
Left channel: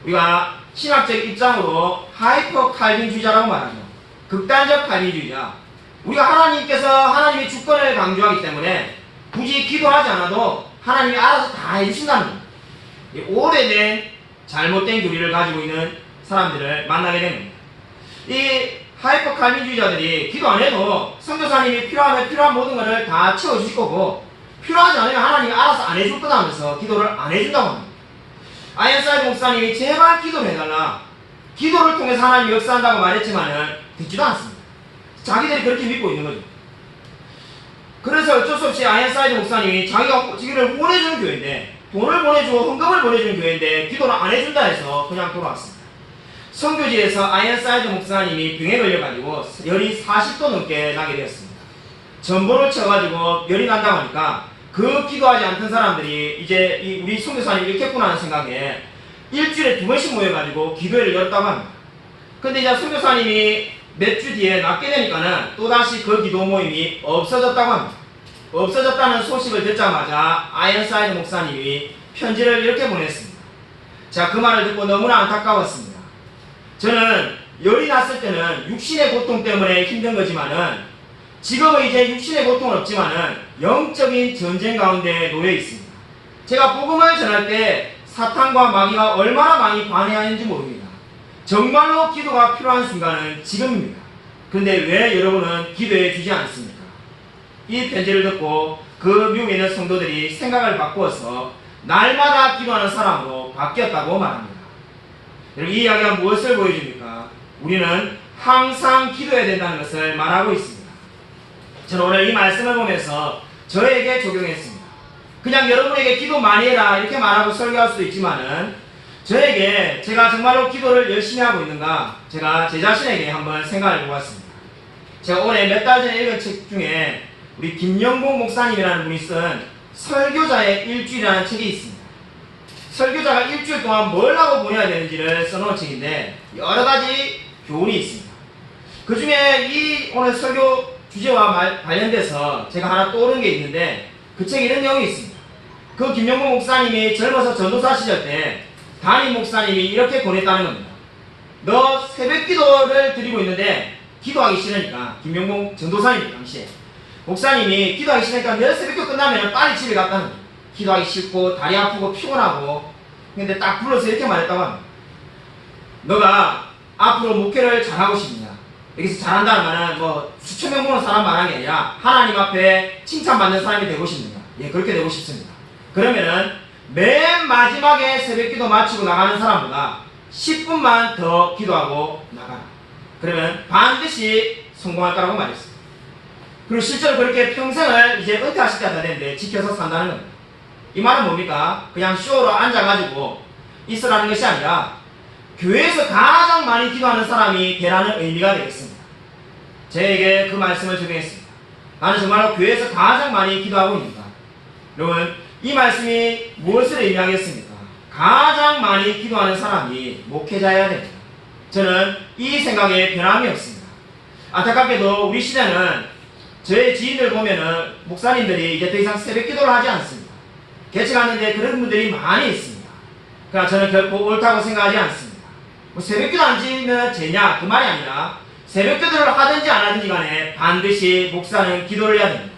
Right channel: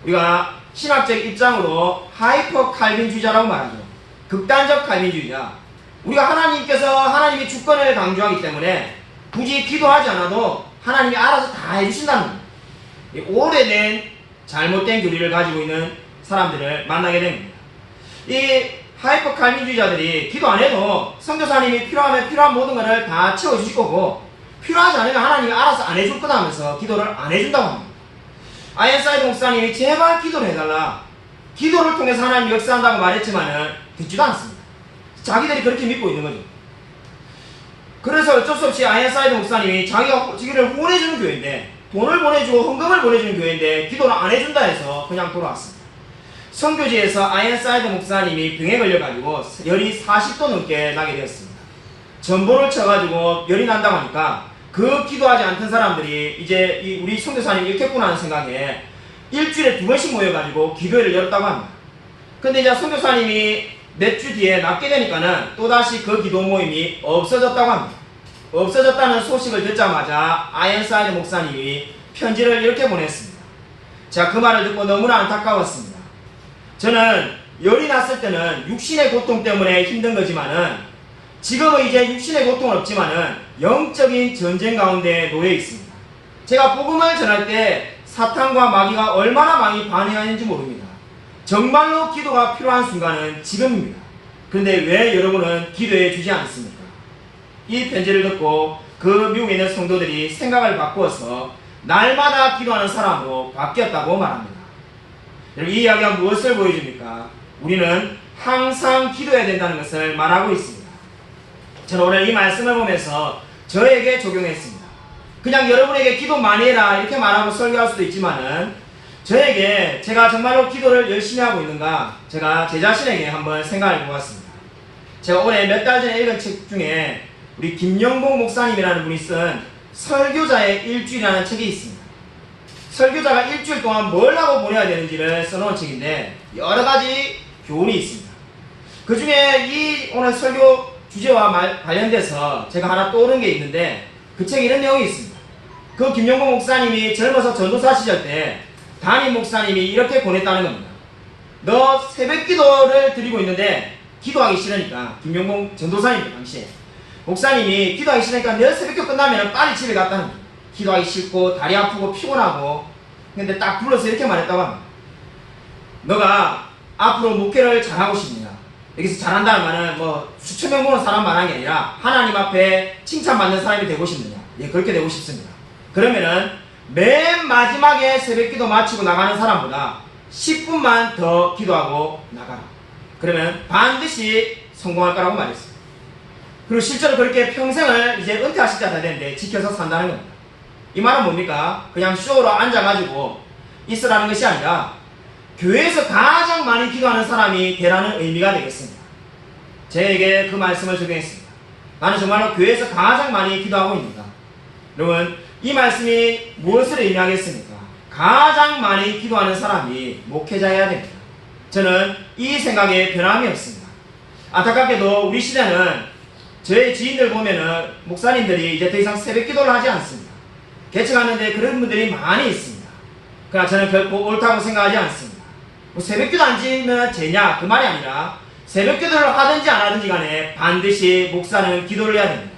우리가 신학적 입장으로 하이퍼 칼빈주의자라고 말하죠. 극단적 칼빈주의자. 우리가 하나님이 주권을 강조하기 때문에 굳이 기도하지 않아도 하나님이 알아서 다 해주신다는 겁니다. 오래된 잘못된 교리를 가지고 있는 사람들을 만나게 된 겁니다. 이 하이퍼 칼빈주의자들이 기도 안 해도 선교사님이 필요하면 필요한 모든 것을 다 채워주실 거고 필요하지 않으면 하나님이 알아서 안 해줄 거다 하면서 기도를 안 해준다고 합니다. 아이언사이드 목사님이 제발 기도를 해달라. 기도를 통해서 하나님이 역사한다고 말했지만은 듣지도 않습니다. 자기들이 그렇게 믿고 있는 거죠. 그래서 어쩔 수 없이 아이언사이드 목사님이 자기를 후원해주는 교회인데 돈을 보내주고 헌금을 보내주는 교회인데 기도를 안 해준다 해서 그냥 돌아왔습니다. 선교지에서 아이언사이드 목사님이 병에 걸려가지고 열이 40도 넘게 나게 되었습니다. 전보를 쳐가지고 열이 난다고 하니까 그 기도하지 않던 사람들이 이제 우리 선교사님이 이렇겠구나 하는 생각에 일주일에 2번씩 모여가지고 기도회를 열었다고 합니다. 근데 이제 선교사님이 몇 주 뒤에 낫게 되니까는 또다시 그 기도 모임이 없어졌다고 합니다. 없어졌다는 소식을 듣자마자 아이언사이드 목사님이 편지를 이렇게 보냈습니다. 자, 그 말을 듣고 너무나 안타까웠습니다. 저는 열이 났을 때는 육신의 고통 때문에 힘든 거지만은 지금은 이제 육신의 고통은 없지만은 영적인 전쟁 가운데 놓여 있습니다. 제가 복음을 전할 때 사탄과 마귀가 얼마나 많이 반해하는지 모릅니다. 정말로 기도가 필요한 순간은 지금입니다. 그런데 왜 여러분은 기도해 주지 않습니까? 이 편지를 듣고 그 미국에 있는 성도들이 생각을 바꾸어서 날마다 기도하는 사람으로 바뀌었다고 말합니다. 이 이야기가 무엇을 보여줍니까? 우리는 항상 기도해야 된다는 것을 말하고 있습니다. 저는 오늘 이 말씀을 보면서 저에게 적용했습니다. 그냥 여러분에게 기도 많이 해라 이렇게 말하고 설교할 수도 있지만은 저에게 제가 정말로 기도를 열심히 하고 있는가 제가 제 자신에게 한번 생각해 보았습니다. 제가 올해 몇 달 전에 읽은 책 중에 우리 김영봉 목사님이라는 분이 쓴 설교자의 일주일이라는 책이 있습니다. 설교자가 일주일 동안 뭘 하고 보내야 되는지를 써놓은 책인데 여러 가지 교훈이 있습니다. 그 중에 이 오늘 설교 주제와 관련돼서 제가 하나 떠오른 게 있는데 그 책에 이런 내용이 있습니다. 그 김영봉 목사님이 젊어서 전도사 시절 때 담임 목사님이 이렇게 보냈다는 겁니다. 너 새벽 기도를 드리고 있는데 기도하기 싫으니까 김영봉 전도사님 당시에 목사님이 기도하기 싫으니까 내일 새벽기도 끝나면 빨리 집에 갔다는 거예요. 기도하기 싫고 다리 아프고 피곤하고 근데 딱 불러서 이렇게 말했다고 합니다. 너가 앞으로 목회를 잘하고 싶냐? 여기서 잘한다는 말은 뭐 수천 명 보는 사람 말하는 게 아니라 하나님 앞에 칭찬받는 사람이 되고 싶느냐? 예, 그렇게 되고 싶습니다. 그러면은 맨 마지막에 새벽기도 마치고 나가는 사람보다 10분만 더 기도하고 나가라. 그러면 반드시 성공할 거라고 말했습니다. 그리고 실제로 그렇게 평생을 이제 은퇴하실 때가 되는데 지켜서 산다는 겁니다. 이 말은 뭡니까? 그냥 쇼로 앉아가지고 있으라는 것이 아니라 교회에서 가장 많이 기도하는 사람이 되라는 의미가 되겠습니다. 저에게 그 말씀을 적용했습니다. 나는 정말로 교회에서 가장 많이 기도하고 있는가? 여러분, 이 말씀이 무엇을 의미하겠습니까? 가장 많이 기도하는 사람이 목회자여야 됩니다. 저는 이 생각에 변함이 없습니다. 안타깝게도 우리 시대는 저의 지인들 보면은 목사님들이 이제 더 이상 새벽 기도를 하지 않습니다. 개척하는데 그런 분들이 많이 있습니다. 그러나 저는 결코 옳다고 생각하지 않습니다. 뭐 새벽 기도 안 지면 되냐? 그 말이 아니라 새벽 기도를 하든지 안 하든지 간에 반드시 목사는 기도를 해야 됩니다.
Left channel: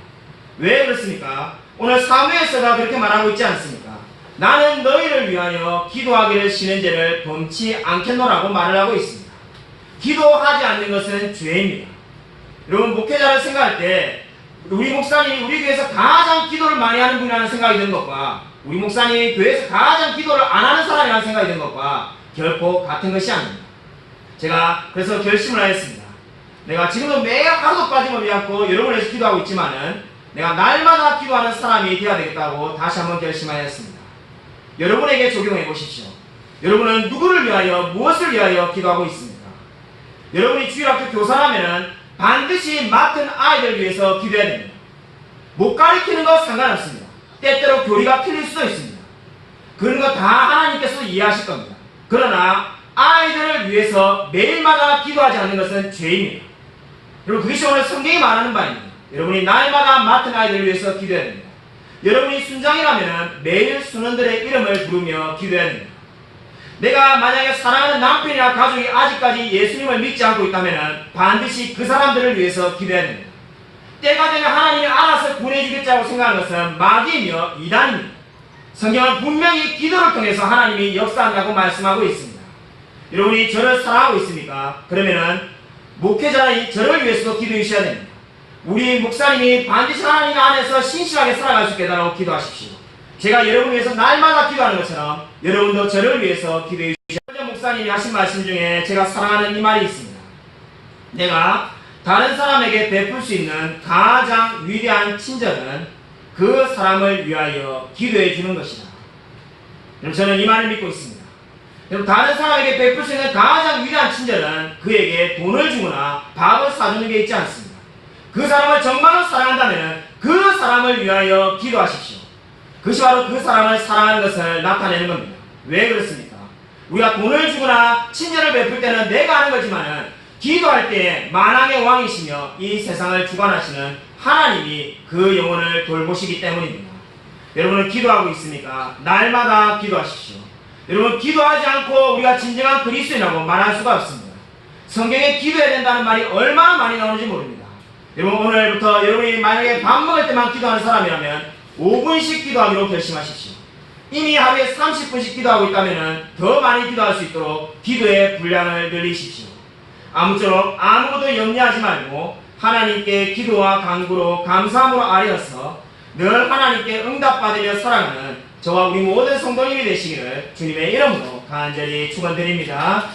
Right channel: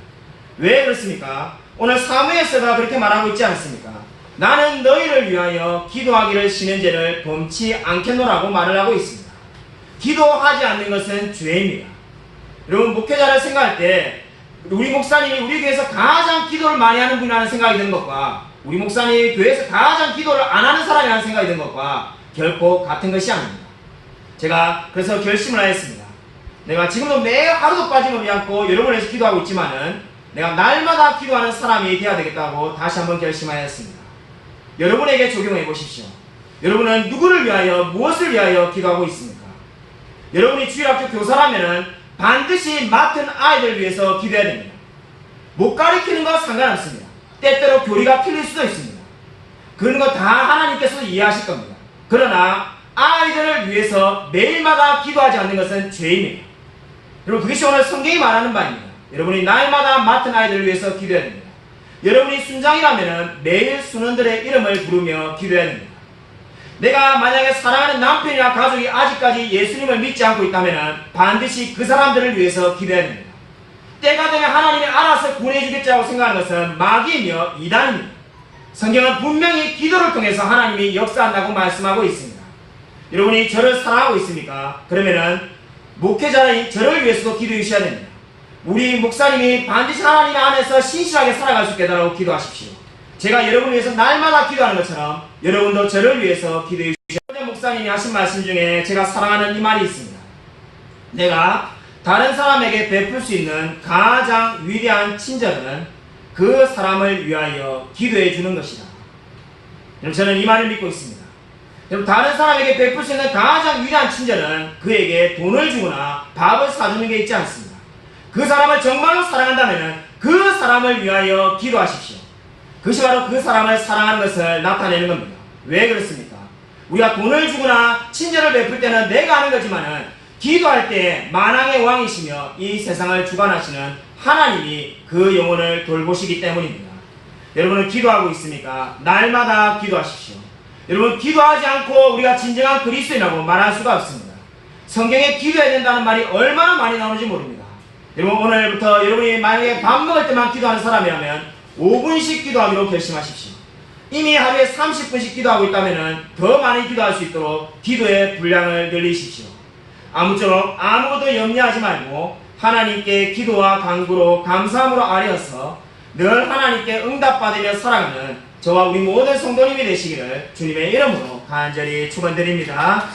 왜 그렇습니까? 오늘 사무엘서가 그렇게 말하고 있지 않습니까? 나는 너희를 위하여 기도하기를 쉬는 죄를 범치 않겠노라고 말을 하고 있습니다. 기도하지 않는 것은 죄입니다. 여러분, 목회자를 생각할 때 우리 목사님이 우리 교회에서 가장 기도를 많이 하는 분이라는 생각이 드는 것과 우리 목사님이 교회에서 가장 기도를 안 하는 사람이라는 생각이 드는 것과 결코 같은 것이 아닙니다. 제가 그래서 결심을 하였습니다. 내가 지금도 매 하루도 빠짐없이 않고 여러분을 위해서 기도하고 있지만은 내가 날마다 기도하는 사람이 되어야 되겠다고 다시 한번 결심하였습니다. 여러분에게 적용해 보십시오. 여러분은 누구를 위하여 무엇을 위하여 기도하고 있습니까? 여러분이 주일학교 교사라면은 반드시 맡은 아이들을 위해서 기도해야 됩니다. 못 가르치는 거 상관없습니다. 때때로 교리가 틀릴 수도 있습니다. 그런 거 다 하나님께서도 이해하실 겁니다. 그러나 아이들을 위해서 매일마다 기도하지 않는 것은 죄입니다. 여러분, 그것이 오늘 성경이 말하는 바입니다. 여러분이 날마다 맡은 아이들을 위해서 기도해야 됩니다. 여러분이 순장이라면 매일 순원들의 이름을 부르며 기도해야 됩니다. 내가 만약에 사랑하는 남편이나 가족이 아직까지 예수님을 믿지 않고 있다면 반드시 그 사람들을 위해서 기도해야 됩니다. 때가 되면 하나님이 알아서 구원해주겠다고 생각하는 것은 마귀이며 이단입니다. 성경은 분명히 기도를 통해서 하나님이 역사한다고 말씀하고 있습니다. 여러분이 저를 사랑하고 있습니까? 그러면은 목회자는 저를 위해서도 기도해 주셔야 됩니다. 우리 목사님이 반드시 하나님 안에서 신실하게 살아갈 수 있게 해달라고 기도하십시오. 제가 여러분을 위해서 날마다 기도하는 것처럼 여러분도 저를 위해서 기도해 주십시오. 어제 목사님이 하신 말씀 중에 제가 사랑하는 이 말이 있습니다. 내가 다른 사람에게 베풀 수 있는 가장 위대한 친절은 그 사람을 위하여 기도해 주는 것이다. 여러분, 저는 이 말을 믿고 있습니다. 여러분, 다른 사람에게 베풀 수 있는 가장 위대한 친절은 그에게 돈을 주거나 밥을 사주는 게 있지 않습니다. 그 사람을 정말로 사랑한다면 그 사람을 위하여 기도하십시오. 그것이 바로 그 사람을 사랑하는 것을 나타내는 겁니다. 왜 그렇습니까? 우리가 돈을 주거나 친절을 베풀 때는 내가 하는 거지만은 기도할 때 만왕의 왕이시며 이 세상을 주관하시는 하나님이 그 영혼을 돌보시기 때문입니다. 여러분은 기도하고 있습니까? 날마다 기도하십시오. 여러분, 기도하지 않고 우리가 진정한 그리스도인이라고 말할 수가 없습니다. 성경에 기도해야 된다는 말이 얼마나 많이 나오는지 모릅니다. 여러분, 오늘부터 여러분이 만약에 밥 먹을 때만 기도하는 사람이라면 5분씩 기도하기로 결심하십시오. 이미 하루에 30분씩 기도하고 있다면 더 많이 기도할 수 있도록 기도의 분량을 늘리십시오. 아무쪼록 아무것도 염려하지 말고 하나님께 기도와 간구로 감사함으로 아뢰어서 늘 하나님께 응답받으며 살아가는 저와 우리 모든 성도님이 되시기를 주님의 이름으로 간절히 축원드립니다.